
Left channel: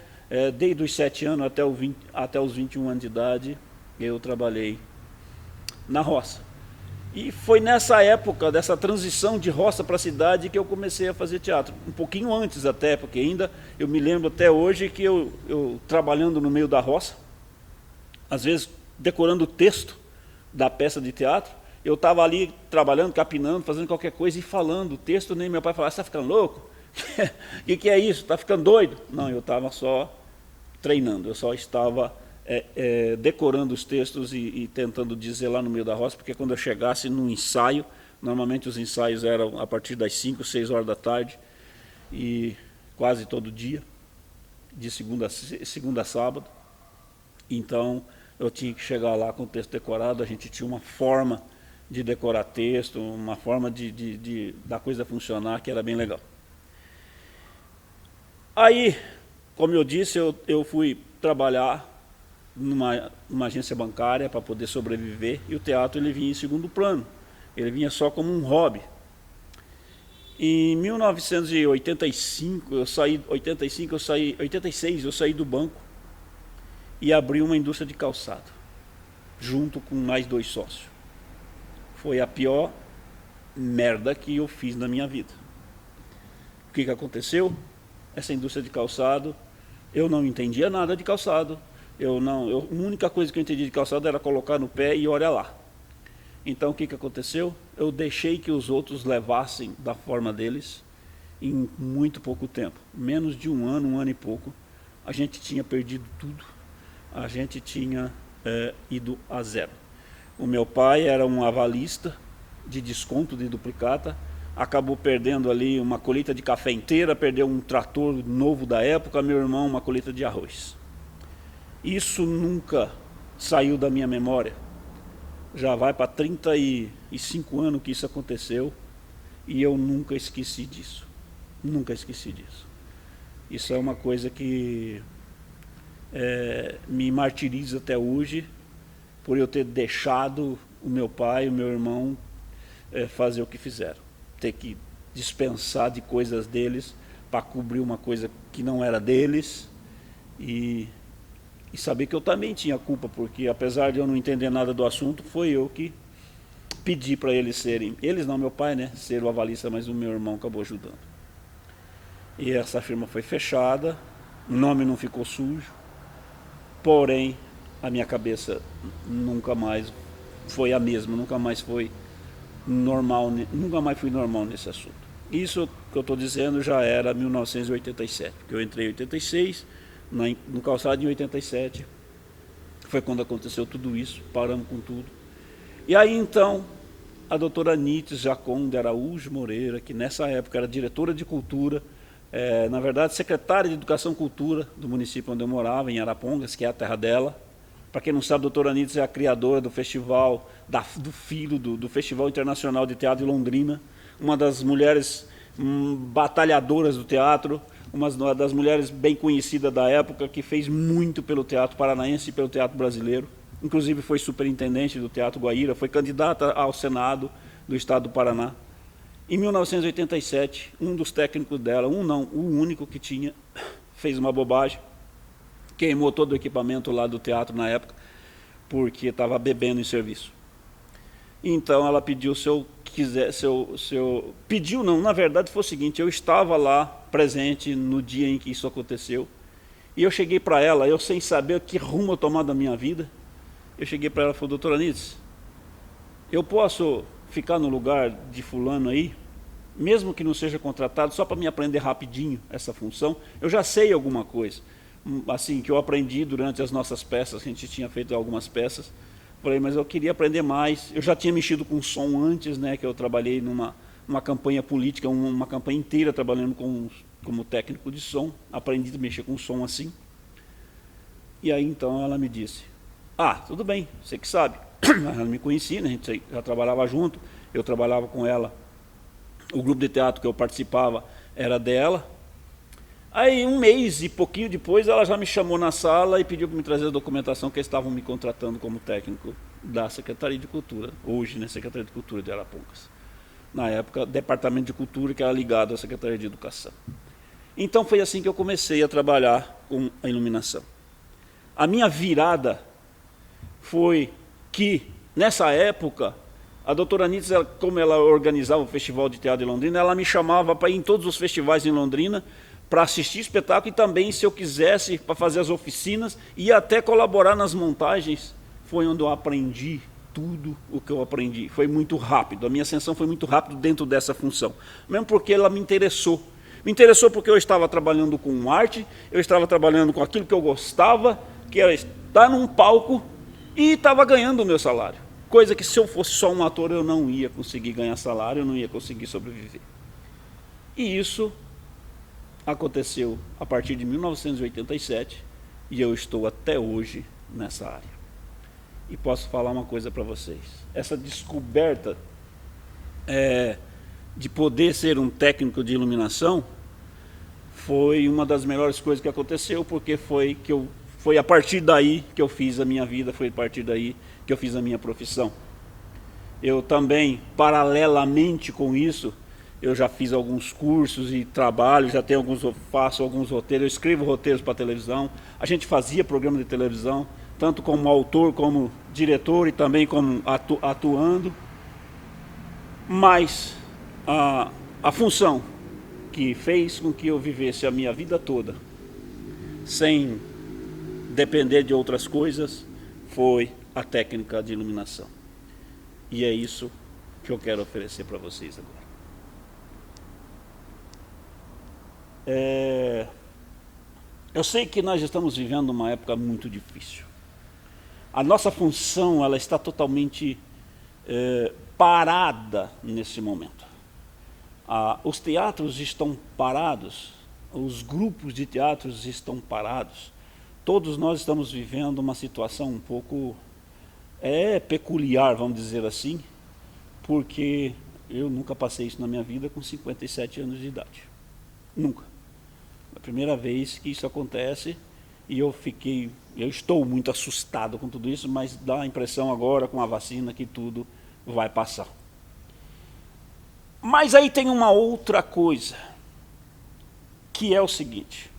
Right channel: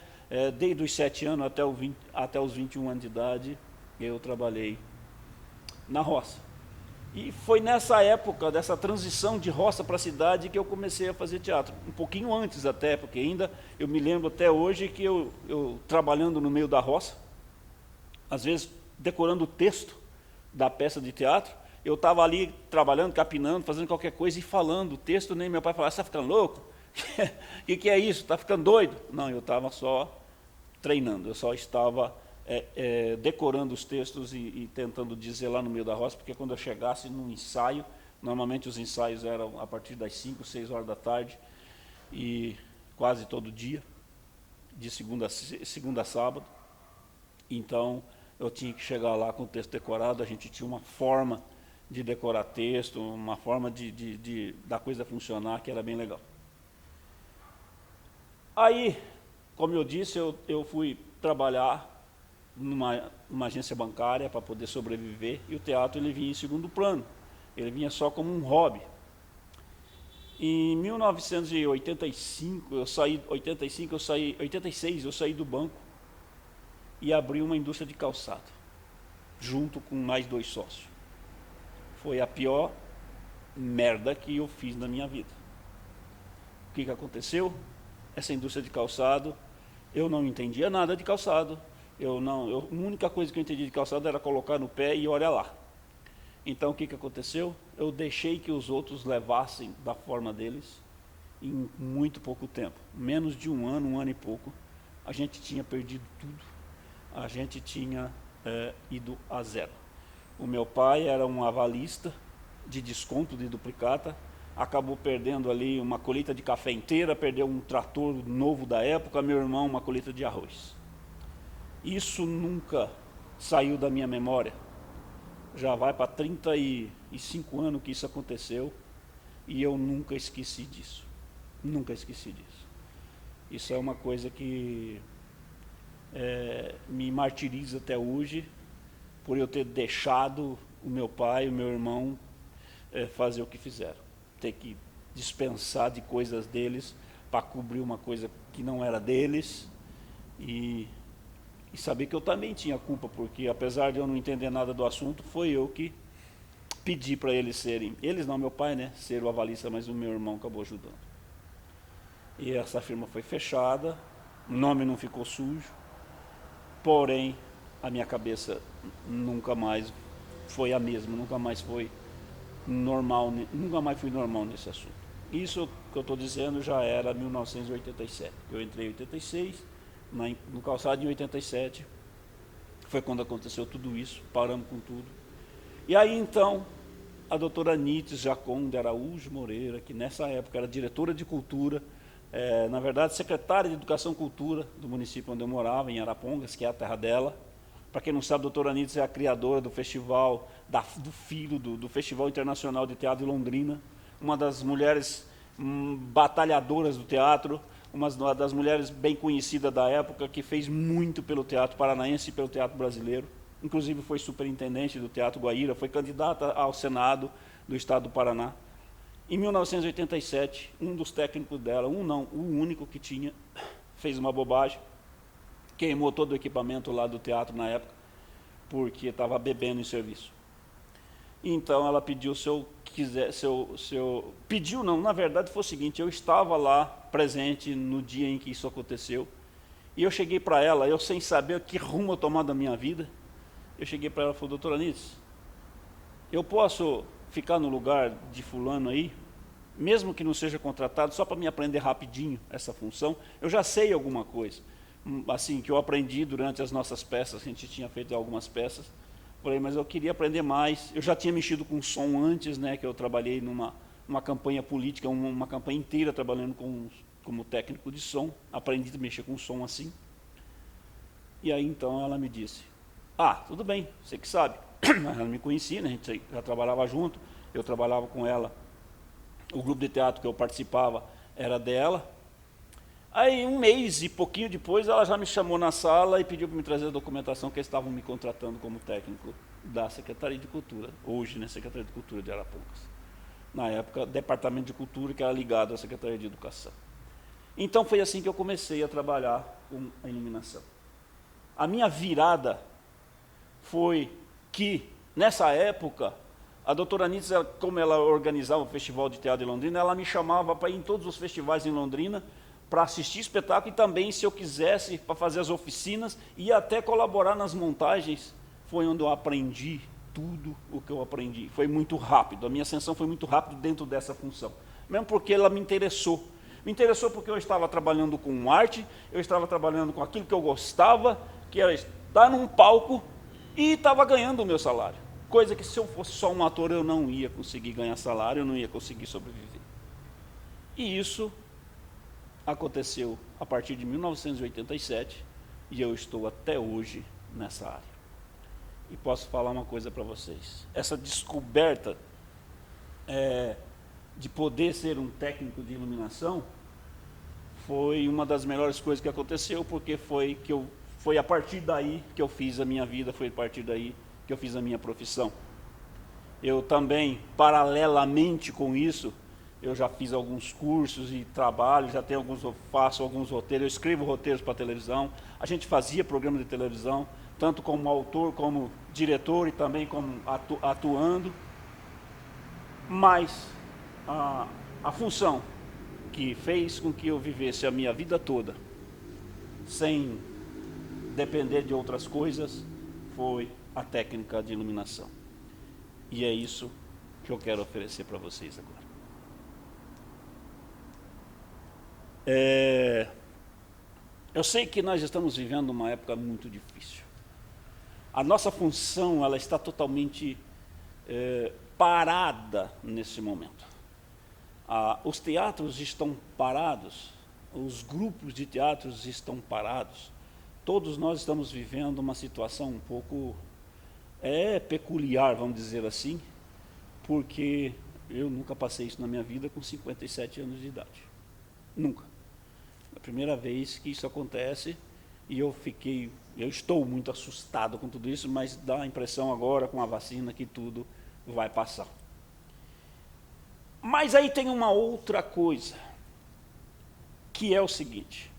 Desde os 7 anos até os 21 anos de idade eu trabalhei na roça. E foi nessa época, dessa transição de roça para cidade, que eu comecei a fazer teatro. Um pouquinho antes até, porque ainda eu me lembro até hoje que eu trabalhando no meio da roça, às vezes decorando o texto da peça de teatro, eu estava ali trabalhando, capinando, fazendo qualquer coisa e falando o texto, nem meu pai falava: você está ficando louco? O que é isso? Está ficando doido? Não, eu estava só treinando, eu só estava decorando os textos e tentando dizer lá no meio da roça, porque quando eu chegasse num ensaio, normalmente os ensaios eram a partir das 5, 6 horas da tarde, e quase todo dia, de segunda a sábado. Então eu tinha que chegar lá com o texto decorado. A gente tinha uma forma de decorar texto, uma forma da coisa funcionar, que era bem legal. Aí, como eu disse, eu fui trabalhar numa agência bancária para poder sobreviver, e o teatro ele vinha em segundo plano, ele vinha só como um hobby. Em 1985, 86 eu saí do banco e abri uma indústria de calçado, junto com mais 2 sócios. Foi a pior merda que eu fiz na minha vida. O que aconteceu? Essa indústria de calçado, eu não entendia nada de calçado. A única coisa que eu entendi de calçado era colocar no pé e olha lá. Então o que aconteceu? Eu deixei que os outros levassem da forma deles em muito pouco tempo. Menos de um ano e pouco, a gente tinha perdido tudo. A gente tinha ido a zero. O meu pai era um avalista de desconto de duplicata, acabou perdendo ali uma colheita de café inteira, perdeu um trator novo da época, meu irmão uma colheita de arroz. Isso nunca saiu da minha memória. Já vai para 35 anos que isso aconteceu e eu nunca esqueci disso. Nunca esqueci disso. Isso é uma coisa que me martiriza até hoje, por eu ter deixado o meu pai e o meu irmão fazer o que fizeram. Ter que dispensar de coisas deles para cobrir uma coisa que não era deles e saber que eu também tinha culpa, porque apesar de eu não entender nada do assunto, foi eu que pedi para eles serem, eles não, meu pai, né, ser o avalista, mas o meu irmão acabou ajudando. E essa firma foi fechada, o nome não ficou sujo, porém a minha cabeça nunca mais foi a mesma, nunca mais foi normal, nunca mais fui normal nesse assunto. Isso que eu estou dizendo já era 1987, que eu entrei em 86, no calçado em 87, foi quando aconteceu tudo isso, paramos com tudo. E aí então, a doutora Nites Jaconde Araújo Moreira, que nessa época era diretora de cultura, na verdade secretária de Educação e Cultura do município onde eu morava, em Arapongas, que é a terra dela. Para quem não sabe, a doutora Nites é a criadora do festival, do Festival Internacional de Teatro de Londrina, uma das mulheres batalhadoras do teatro, uma das mulheres bem conhecidas da época, que fez muito pelo teatro paranaense e pelo teatro brasileiro. Inclusive foi superintendente do Teatro Guaíra, foi candidata ao Senado do Estado do Paraná. Em 1987, um dos técnicos dela, o único que tinha, fez uma bobagem, queimou todo o equipamento lá do teatro na época, porque estava bebendo em serviço. Então ela pediu pediu não, na verdade foi o seguinte, eu estava lá presente no dia em que isso aconteceu, e eu cheguei para ela, eu sem saber que rumo eu tomar da minha vida, eu cheguei para ela e falei, doutora Nites, eu posso ficar no lugar de fulano aí, mesmo que não seja contratado, só para me aprender rapidinho essa função, eu já sei alguma coisa, assim, que eu aprendi durante as nossas peças, a gente tinha feito algumas peças, falei, mas eu queria aprender mais, eu já tinha mexido com som antes, né, que eu trabalhei numa campanha política, uma campanha inteira trabalhando como técnico de som, aprendi a mexer com som assim, e aí então ela me disse, tudo bem, você que sabe, ela me conhecia, né, a gente já trabalhava junto, eu trabalhava com ela, o grupo de teatro que eu participava era dela. Aí um mês e pouquinho depois ela já me chamou na sala e pediu para me trazer a documentação que eles estavam me contratando como técnico da Secretaria de Cultura, hoje, né, Secretaria de Cultura de Arapongas. Na época, Departamento de Cultura, que era ligado à Secretaria de Educação. Então foi assim que eu comecei a trabalhar com a iluminação. A minha virada foi que, nessa época, a doutora Nites, como ela organizava o Festival de Teatro de Londrina, ela me chamava para ir em todos os festivais em Londrina, para assistir espetáculo e também, se eu quisesse, para fazer as oficinas e até colaborar nas montagens. Foi onde eu aprendi tudo o que eu aprendi. Foi muito rápido, a minha ascensão foi muito rápido dentro dessa função, mesmo porque ela me interessou. Me interessou porque eu estava trabalhando com arte, eu estava trabalhando com aquilo que eu gostava, que era estar num palco e estava ganhando o meu salário. Coisa que se eu fosse só um ator eu não ia conseguir ganhar salário, eu não ia conseguir sobreviver. E isso aconteceu a partir de 1987 e eu estou até hoje nessa área. E posso falar uma coisa para vocês. Essa descoberta de poder ser um técnico de iluminação foi uma das melhores coisas que aconteceu, porque foi a partir daí que eu fiz a minha vida, foi a partir daí que eu fiz a minha profissão. Eu também, paralelamente com isso, eu já fiz alguns cursos e trabalho, faço alguns roteiros, eu escrevo roteiros para televisão, a gente fazia programa de televisão, tanto como autor, como diretor e também como atuando. Mas a função que fez com que eu vivesse a minha vida toda sem depender de outras coisas foi a técnica de iluminação. E é isso que eu quero oferecer para vocês agora. Eu sei que nós estamos vivendo uma época muito difícil. A nossa função ela está totalmente parada nesse momento. Os teatros estão parados, os grupos de teatros estão parados. Todos nós estamos vivendo uma situação um pouco é peculiar, vamos dizer assim, porque eu nunca passei isso na minha vida com 57 anos de idade. Nunca. É a primeira vez que isso acontece e eu estou muito assustado com tudo isso, mas dá a impressão agora com a vacina que tudo vai passar. Mas aí tem uma outra coisa, que é o seguinte:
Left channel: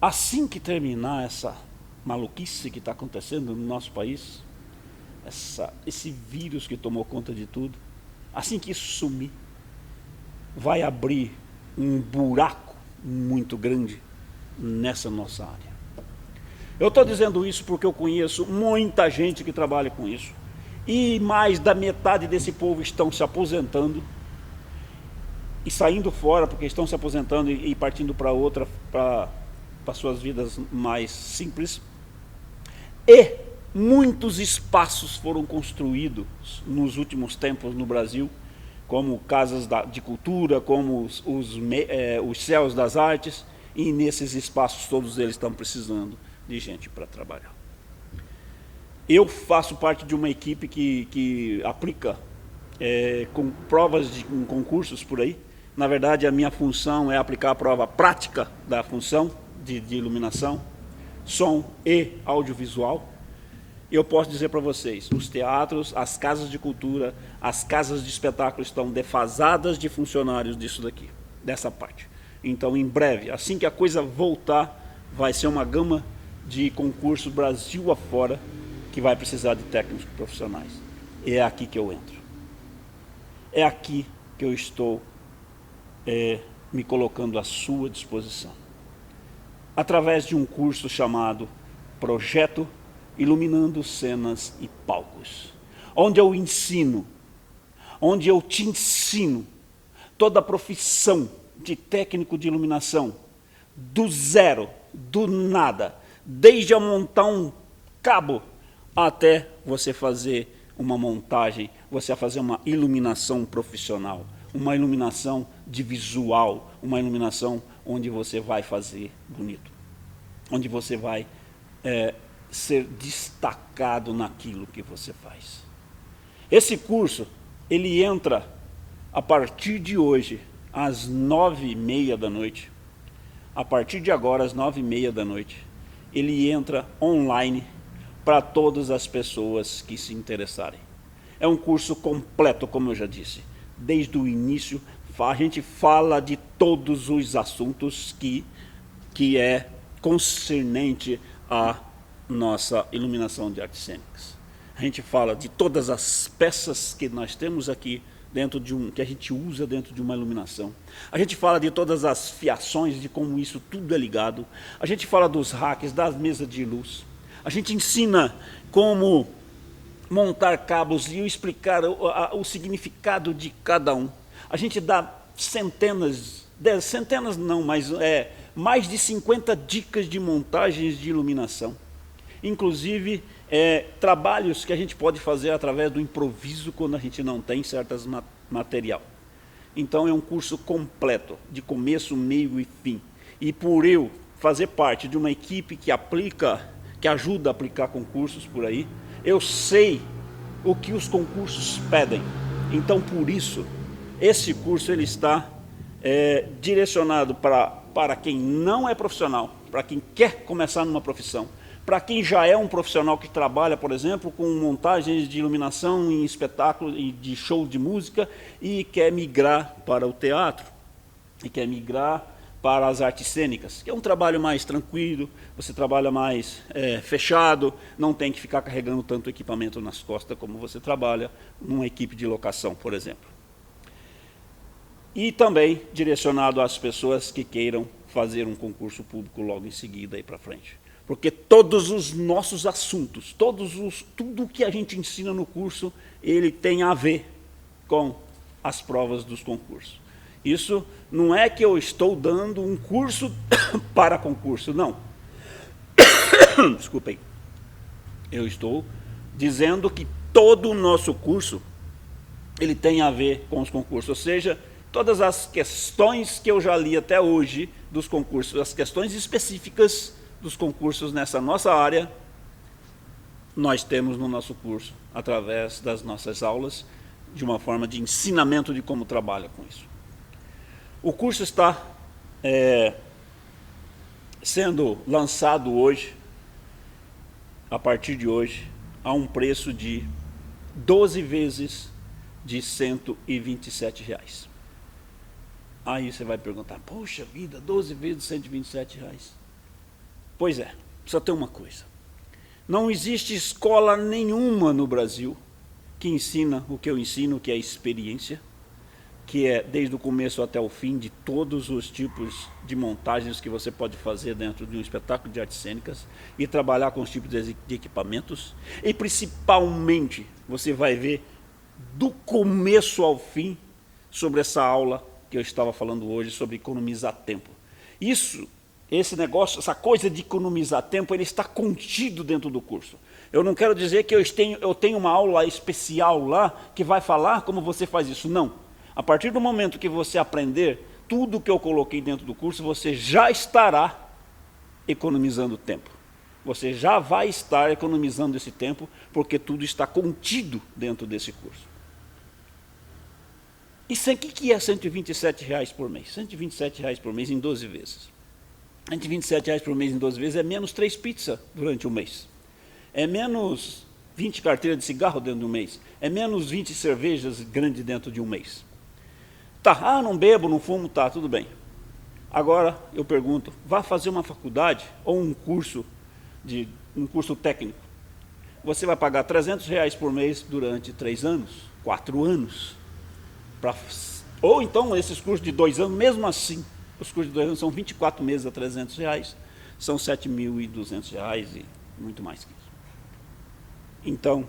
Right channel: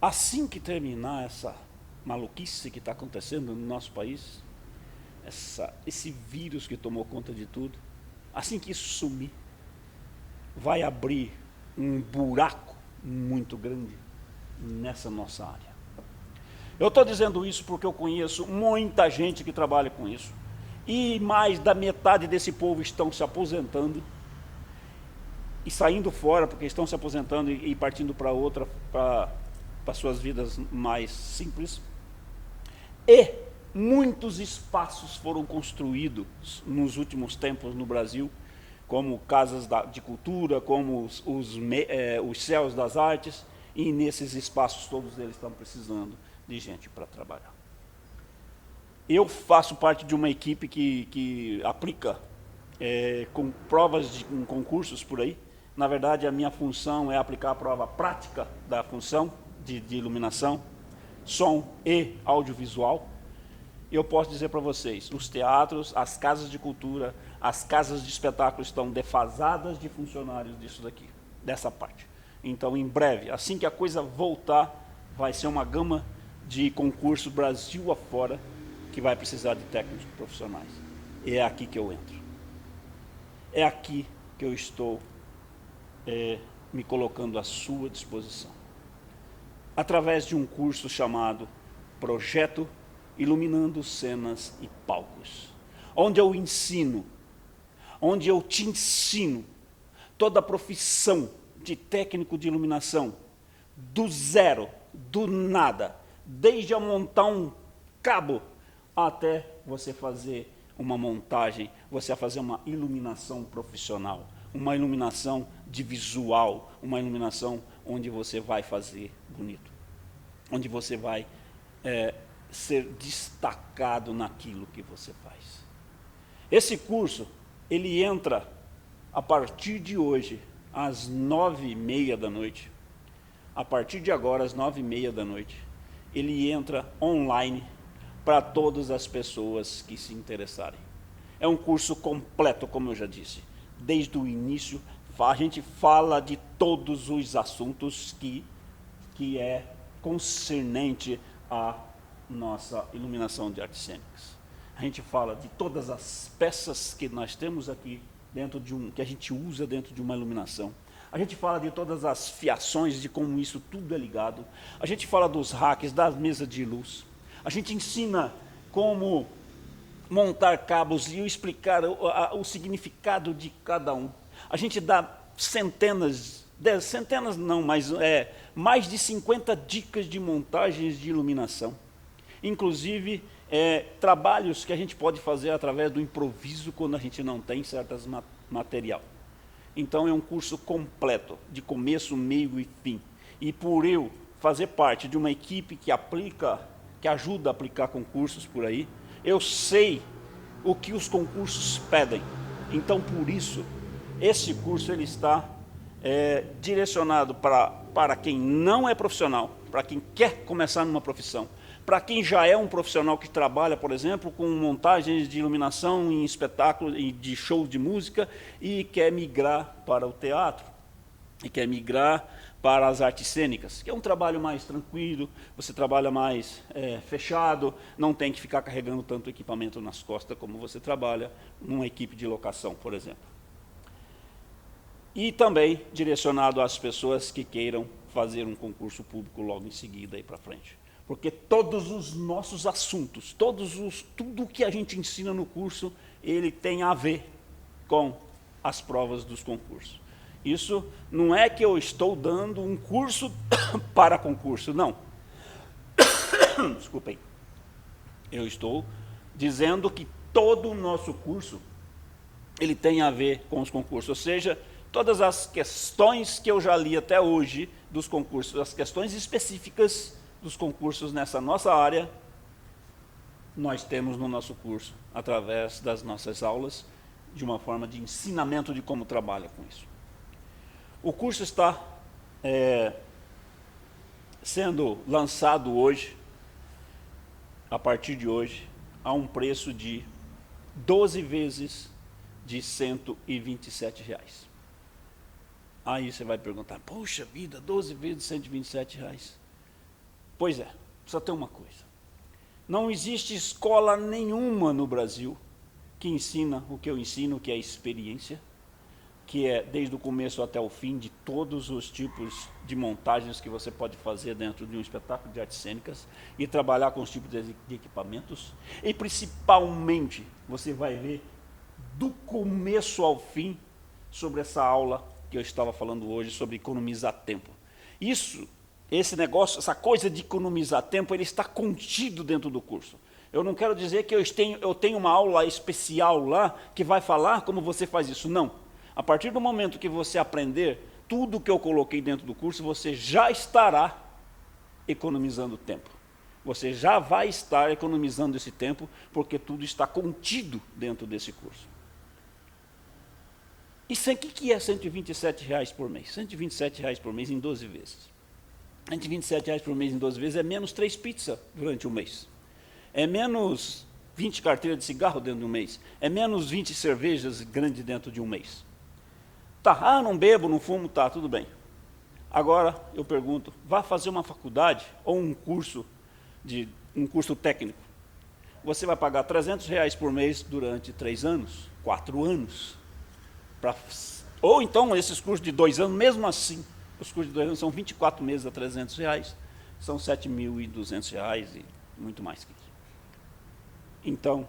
assim que terminar essa maluquice que está acontecendo no nosso país, esse vírus que tomou conta de tudo, assim que isso sumir, vai abrir um buraco muito grande nessa nossa área. Eu estou dizendo isso porque eu conheço muita gente que trabalha com isso, e mais da metade desse povo estão se aposentando e saindo fora, porque estão se aposentando e partindo para outra, para suas vidas mais simples. E muitos espaços foram construídos nos últimos tempos no Brasil, como casas de cultura, como os céus das artes, e nesses espaços todos eles estão precisando de gente para trabalhar. Eu faço parte de uma equipe que aplica com provas com concursos por aí. Na verdade, a minha função é aplicar a prova prática da função de iluminação, som e audiovisual. Eu posso dizer para vocês, os teatros, as casas de cultura, as casas de espetáculo estão defasadas de funcionários disso daqui, dessa parte. Então, em breve, assim que a coisa voltar, vai ser uma gama de concurso Brasil afora que vai precisar de técnicos profissionais. E é aqui que eu entro. É aqui que eu estou me colocando à sua disposição. Através de um curso chamado Projeto Iluminando Cenas e Palcos, onde eu ensino, onde eu te ensino toda a profissão de técnico de iluminação, do zero, do nada, desde a montar um cabo até você fazer uma montagem, você fazer uma iluminação profissional, uma iluminação de visual, uma iluminação onde você vai fazer bonito, onde você vai ser destacado naquilo que você faz. Esse curso, ele entra a partir de hoje, às 9h30 da noite. A partir de agora, às 9h30 da noite, ele entra online para todas as pessoas que se interessarem. É um curso completo, como eu já disse. Desde o início, a gente fala de todos os assuntos que é concernente à nossa iluminação de artes cênicas. A gente fala de todas as peças que nós temos aqui dentro que a gente usa dentro de uma iluminação. A gente fala de todas as fiações, de como isso tudo é ligado. A gente fala dos racks, das mesas de luz. A gente ensina como montar cabos e explicar o significado de cada um. A gente dá mais de 50 dicas de montagens de iluminação. Inclusive, trabalhos que a gente pode fazer através do improviso quando a gente não tem certas material. Então é um curso completo, de começo, meio e fim. E por eu fazer parte de uma equipe que ajuda a aplicar concursos por aí, eu sei o que os concursos pedem. Então, por isso, esse curso ele está direcionado para quem não é profissional, para quem quer começar numa profissão, para quem já é um profissional que trabalha, por exemplo, com montagens de iluminação em espetáculos e de shows de música e quer migrar para o teatro, e quer migrar para as artes cênicas, que é um trabalho mais tranquilo, você trabalha mais fechado, não tem que ficar carregando tanto equipamento nas costas como você trabalha numa equipe de locação, por exemplo. E também direcionado às pessoas que queiram fazer um concurso público logo em seguida aí para frente. Porque todos os nossos assuntos, tudo que a gente ensina no curso, ele tem a ver com as provas dos concursos. Isso não é que eu estou dando um curso para concurso, não. Desculpem. Eu estou dizendo que todo o nosso curso, ele tem a ver com os concursos. Ou seja, todas as questões que eu já li até hoje dos concursos, as questões específicas dos concursos nessa nossa área, nós temos no nosso curso, através das nossas aulas, de uma forma de ensinamento de como trabalha com isso. O curso está sendo lançado hoje, a partir de hoje, a um preço de 12 vezes de R$ 127. Aí você vai perguntar, poxa vida, 12 vezes de R$ 127. Pois é, só tem uma coisa. Não existe escola nenhuma no Brasil que ensina o que eu ensino, que é a experiência, que é desde o começo até o fim de todos os tipos de montagens que você pode fazer dentro de um espetáculo de artes cênicas e trabalhar com os tipos de equipamentos. E principalmente você vai ver do começo ao fim sobre essa aula que eu estava falando hoje, sobre economizar tempo. Esse negócio, essa coisa de economizar tempo, ele está contido dentro do curso. Eu não quero dizer que eu tenho uma aula especial lá que vai falar como você faz isso, não. A partir do momento que você aprender tudo que eu coloquei dentro do curso, você já estará economizando tempo. Você já vai estar economizando esse tempo, porque tudo está contido dentro desse curso. E o que é R$ 127 por mês? R$ 127 por mês em 12 vezes. R$ 127 por mês em 12 vezes é menos 3 pizzas durante o mês. É menos 20 carteiras de cigarro dentro de um mês. É menos 20 cervejas grandes dentro de um mês. Tá, não bebo, não fumo, tá, tudo bem. Agora, eu pergunto, vá fazer uma faculdade ou um curso técnico. Você vai pagar R$ 300 por mês durante 3 anos, 4 anos. Ou então, esses cursos de 2 anos, mesmo assim, os cursos de 2 anos são 24 meses a R$ 300, são R$ 7.200 e muito mais que isso. Então,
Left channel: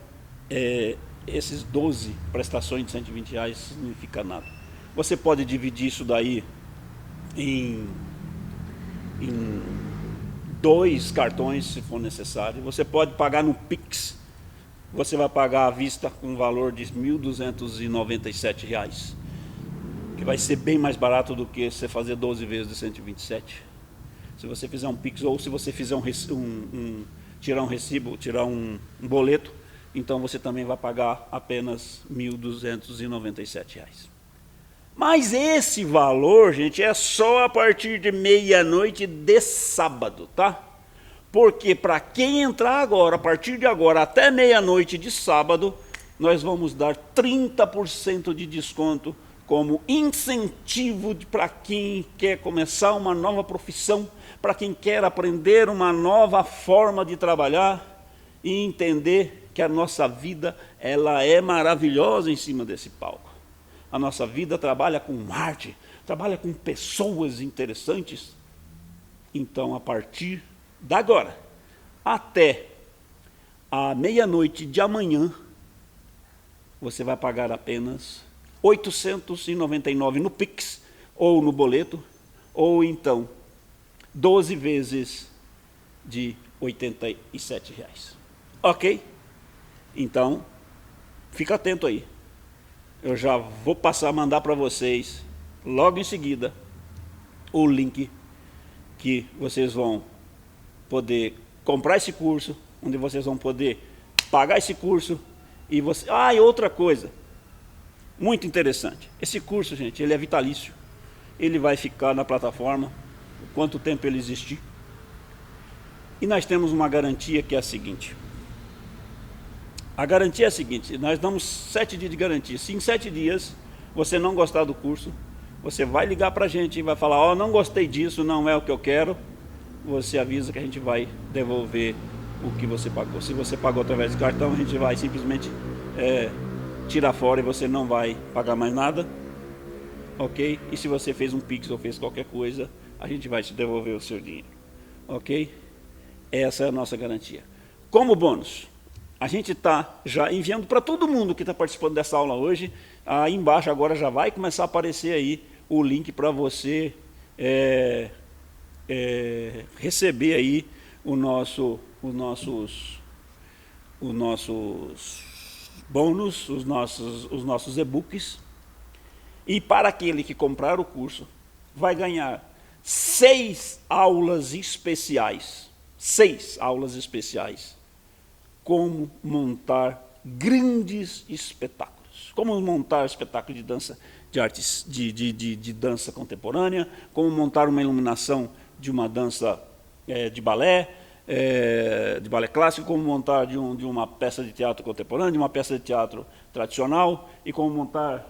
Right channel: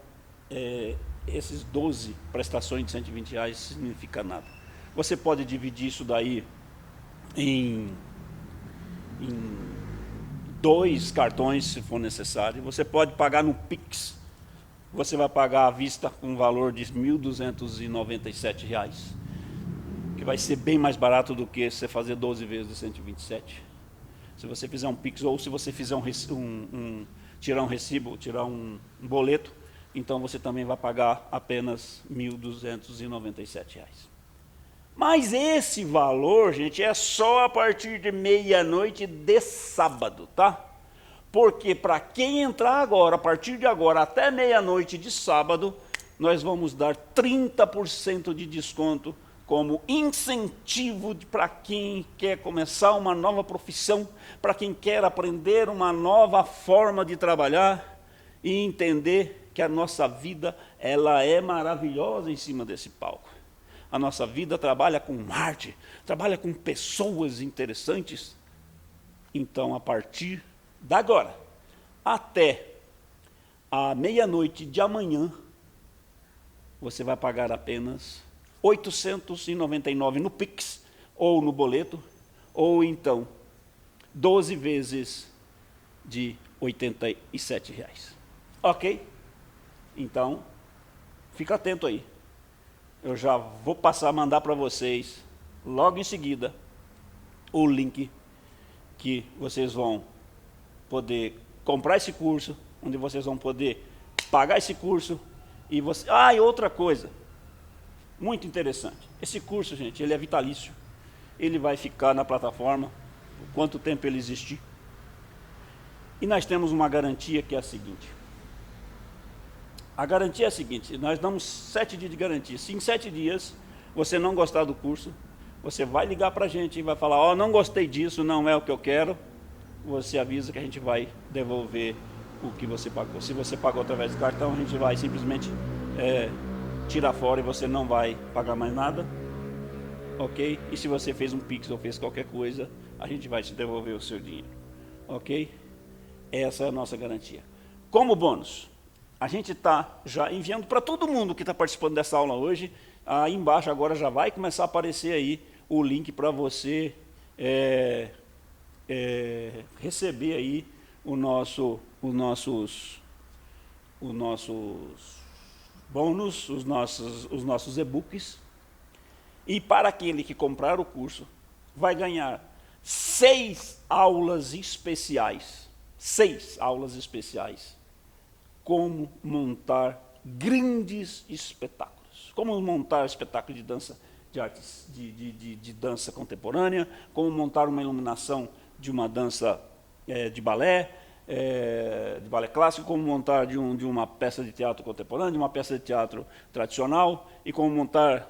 esses 12 prestações de R$ 120 significa nada. Você pode dividir isso daí em 2 cartões, se for necessário. Você pode pagar no Pix. Você vai pagar à vista um valor de R$ 1.297, que vai ser bem mais barato do que você fazer 12 vezes de 127. Se você fizer um Pix ou se você fizer tirar um recibo, tirar um boleto, então você também vai pagar apenas R$ 1.297. Mas esse valor, gente, é só a partir de meia-noite de sábado, tá? Porque para quem entrar agora, a partir de agora até meia-noite de sábado, nós vamos dar 30% de desconto como incentivo para quem quer começar uma nova profissão, para quem quer aprender uma nova forma de trabalhar e entender que a nossa vida ela é maravilhosa em cima desse palco. A nossa vida trabalha com arte, trabalha com pessoas interessantes. Então, a partir de agora, até a meia-noite de amanhã, você vai pagar apenas R$ 899 no Pix, ou no boleto, ou então 12 vezes de R$ 87. Ok? Então, fica atento aí. Eu já vou passar a mandar para vocês, logo em seguida, o link que vocês vão poder comprar esse curso, onde vocês vão poder pagar esse curso. E outra coisa, muito interessante. Esse curso, gente, ele é vitalício. Ele vai ficar na plataforma, por quanto tempo ele existir. E nós temos uma garantia que é a seguinte. A garantia é a seguinte, nós damos 7 dias de garantia. Se em 7 dias você não gostar do curso, você vai ligar para a gente e vai falar, não gostei disso, não é o que eu quero. Você avisa que a gente vai devolver o que você pagou. Se você pagou através do cartão, a gente vai simplesmente tirar fora e você não vai pagar mais nada. Ok? E se você fez um Pix ou fez qualquer coisa, a gente vai te devolver o seu dinheiro. Ok? Essa é a nossa garantia. Como bônus, a gente está já enviando para todo mundo que está participando dessa aula hoje. Aí embaixo agora já vai começar a aparecer aí o link para você receber aí os nossos bônus, os nossos e-books. E para aquele que comprar o curso, vai ganhar 6 aulas especiais. 6 aulas especiais como montar grandes espetáculos. Como montar espetáculo de dança, de artes, de dança contemporânea, como montar uma iluminação de uma dança de balé clássico, como montar de uma peça de teatro contemporâneo, de uma peça de teatro tradicional, e como montar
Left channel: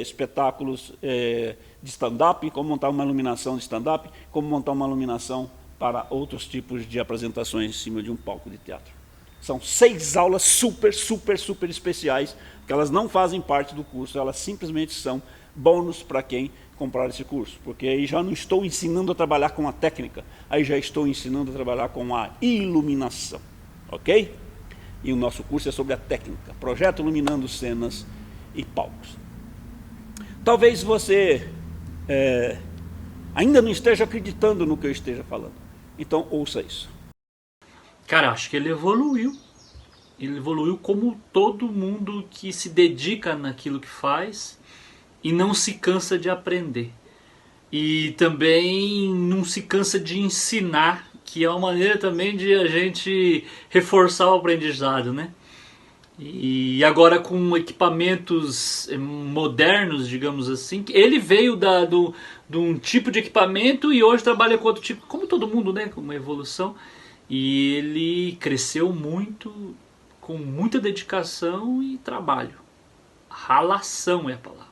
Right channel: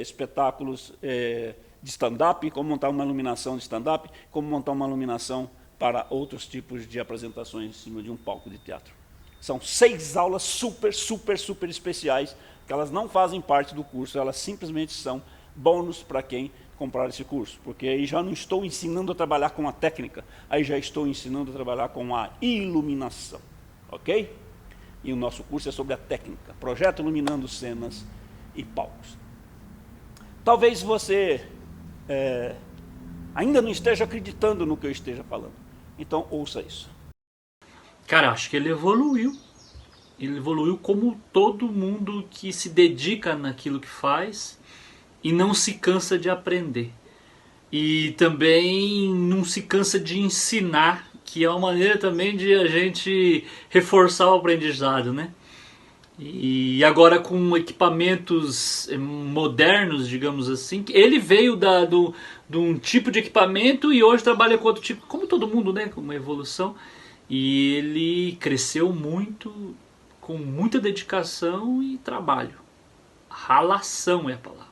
espetáculos de stand-up, como montar uma iluminação de stand-up, como montar uma iluminação para outros tipos de apresentações em cima de um palco de teatro. São 6 aulas super especiais, que elas não fazem parte do curso, elas simplesmente são bônus para quem comprar esse curso, porque aí já não estou ensinando a trabalhar com a técnica, aí já estou ensinando a trabalhar com a iluminação, ok? E o nosso curso é sobre a técnica, projeto iluminando cenas e palcos. Talvez você ainda não esteja acreditando no que eu esteja falando, então ouça isso. Cara, acho que ele evoluiu. Ele evoluiu como todo mundo que se dedica naquilo que faz e não se cansa de aprender. E também não se cansa de ensinar, que é uma maneira também de a gente reforçar o aprendizado, né? E agora com equipamentos modernos, digamos assim, ele veio de um tipo de equipamento e hoje trabalha com outro tipo, como todo mundo, né? Com uma evolução. E ele cresceu muito, com muita dedicação e trabalho. Ralação é a palavra.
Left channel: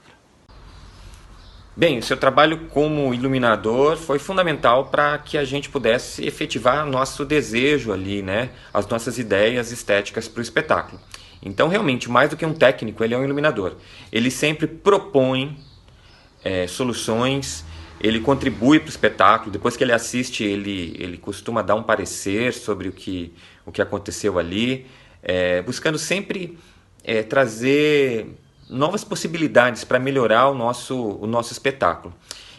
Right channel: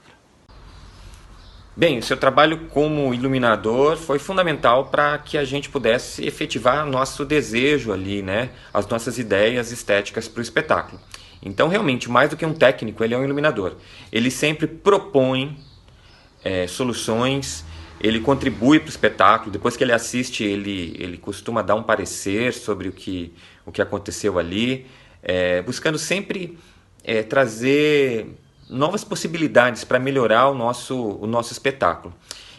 Bem, o seu trabalho como iluminador foi fundamental para que a gente pudesse efetivar nosso desejo ali, né? As nossas ideias estéticas para o espetáculo. Então, realmente, mais do que um técnico, ele é um iluminador. Ele sempre propõe soluções, ele contribui para o espetáculo. Depois que ele assiste, ele costuma dar um parecer sobre o que aconteceu ali, buscando sempre trazer novas possibilidades para melhorar o nosso espetáculo.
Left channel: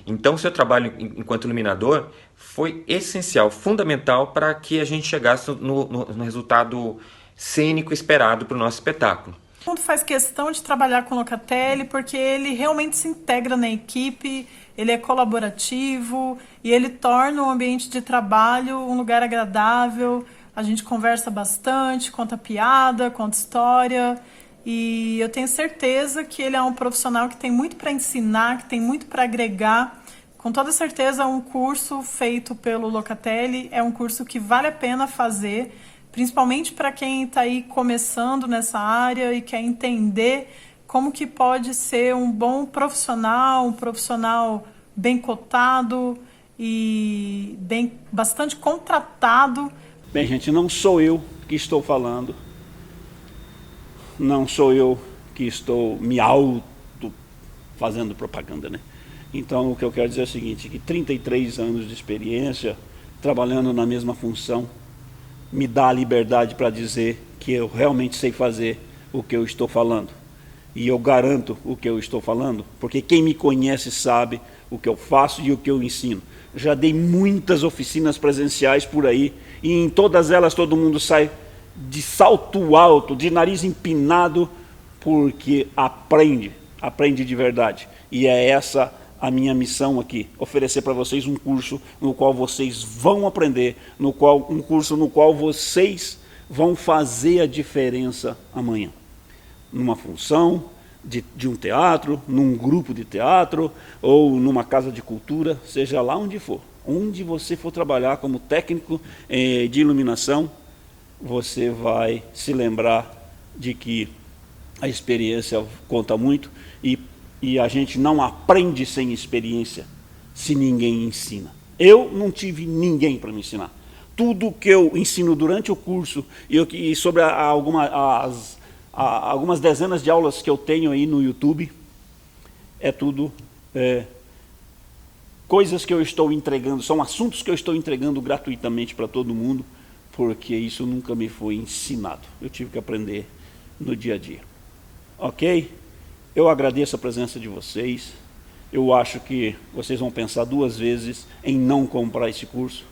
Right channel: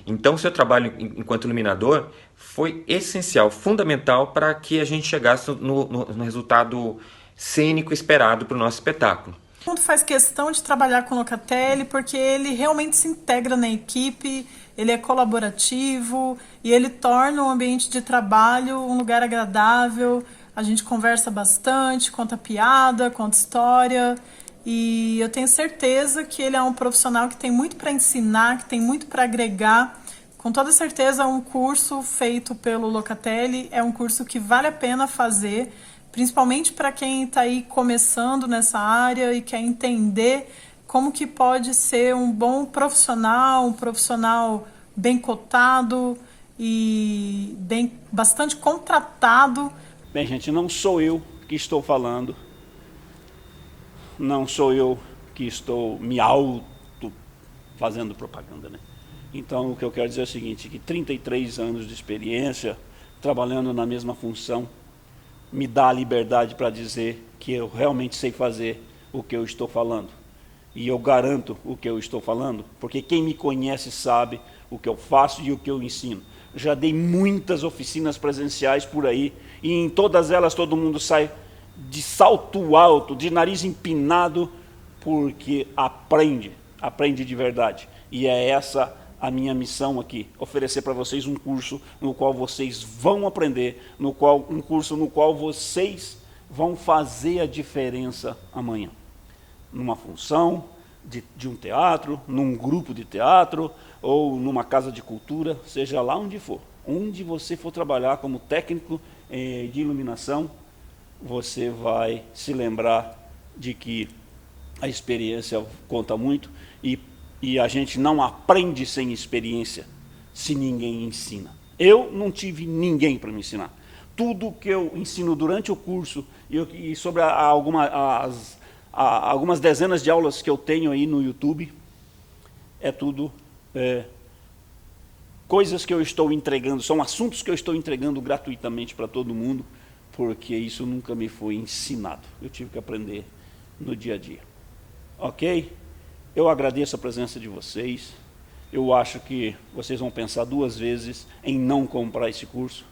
Então, o seu trabalho enquanto iluminador foi essencial, fundamental para que a gente chegasse no resultado cênico esperado para o nosso espetáculo. Todo mundo faz questão de trabalhar com o Locatelli porque ele realmente se integra na equipe, ele é colaborativo e ele torna o ambiente de trabalho um lugar agradável. A gente conversa bastante, conta piada, conta história. E eu tenho certeza que ele é um profissional que tem muito para ensinar, que tem muito para agregar. Com toda certeza, um curso feito pelo Locatelli é um curso que vale a pena fazer, principalmente para quem está aí começando nessa área e quer entender como que pode ser um bom profissional, um profissional bem cotado e bastante contratado. Bem, gente, não sou eu que estou falando. Não sou eu que estou me auto fazendo propaganda, né? Então, o que eu quero dizer é o seguinte, que 33 anos de experiência, trabalhando na mesma função, me dá a liberdade para dizer que eu realmente sei fazer o que eu estou falando. E eu garanto o que eu estou falando, porque quem me conhece sabe o que eu faço e o que eu ensino. Eu já dei muitas oficinas presenciais por aí, e em todas elas todo mundo sai de salto alto, de nariz empinado, porque aprende de verdade. E é essa a minha missão aqui, oferecer para vocês um curso no qual vocês vão aprender, um curso no qual vocês vão fazer a diferença amanhã. Numa função de um teatro, num grupo de teatro, ou numa casa de cultura, seja lá onde for. Onde você for trabalhar como técnico de iluminação, você vai se lembrar de que a experiência conta muito e a gente não aprende sem experiência se ninguém ensina. Eu não tive ninguém para me ensinar. Tudo que eu ensino durante o curso e sobre algumas dezenas de aulas que eu tenho aí no YouTube, é tudo coisas que eu estou entregando, são assuntos que eu estou entregando gratuitamente para todo mundo, porque isso nunca me foi ensinado. Eu tive que aprender no dia a dia. Ok? Eu agradeço a presença de vocês. Eu acho que vocês vão pensar 2 vezes em não comprar esse curso,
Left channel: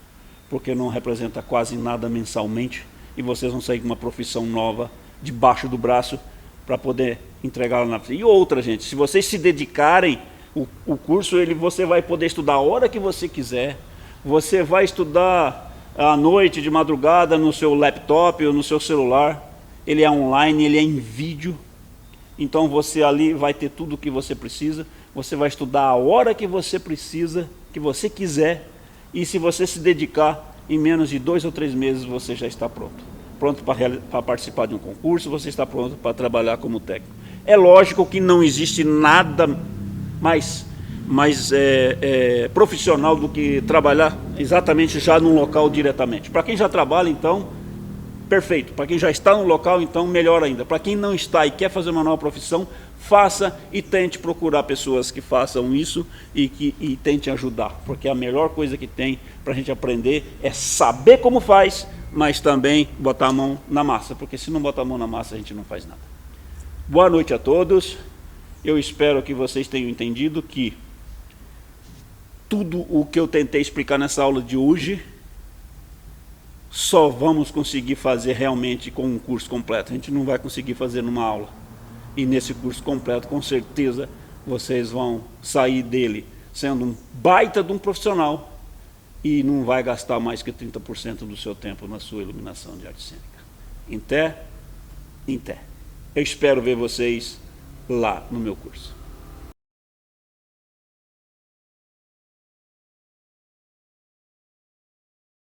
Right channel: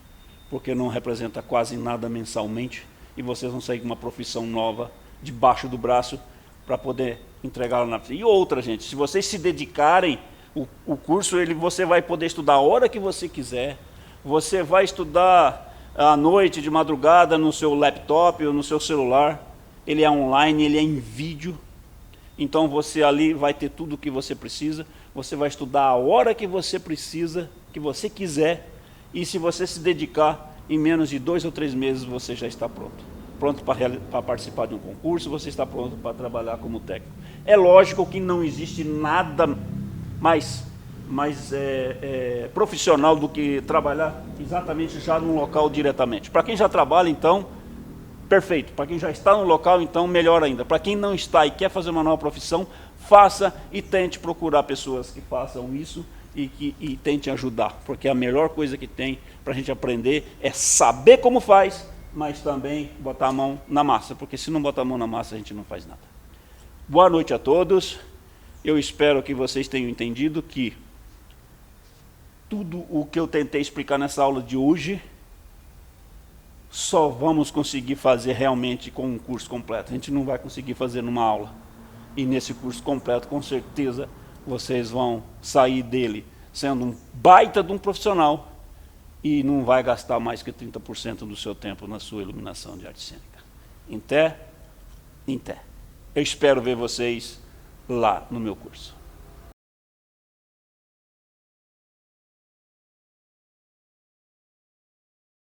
porque não representa quase nada mensalmente, e vocês vão sair com uma profissão nova debaixo do braço para poder entregá-la na frente. E outra, gente, se vocês se dedicarem, o curso você vai poder estudar a hora que você quiser, você vai estudar à noite, de madrugada, no seu laptop ou no seu celular, ele é online, ele é em vídeo. Então você ali vai ter tudo o que você precisa, você vai estudar a hora que você precisa, que você quiser, e se você se dedicar, em menos de 2 ou 3 meses você já está pronto. Pronto para participar de um concurso, você está pronto para trabalhar como técnico. É lógico que não existe nada mais profissional do que trabalhar exatamente já num local diretamente. Para quem já trabalha, então, perfeito. Para quem já está no local, então, melhor ainda. Para quem não está e quer fazer uma nova profissão, faça e tente procurar pessoas que façam isso e tente ajudar. Porque a melhor coisa que tem para a gente aprender é saber como faz, mas também botar a mão na massa. Porque se não botar a mão na massa, a gente não faz nada. Boa noite a todos. Eu espero que vocês tenham entendido que tudo o que eu tentei explicar nessa aula de hoje só vamos conseguir fazer realmente com um curso completo. A gente não vai conseguir fazer numa aula. E nesse curso completo, com certeza, vocês vão sair dele sendo um baita de um profissional e não vai gastar mais que 30% do seu tempo na sua iluminação de arte cênica. Em té, em té. Eu espero ver vocês lá no meu curso.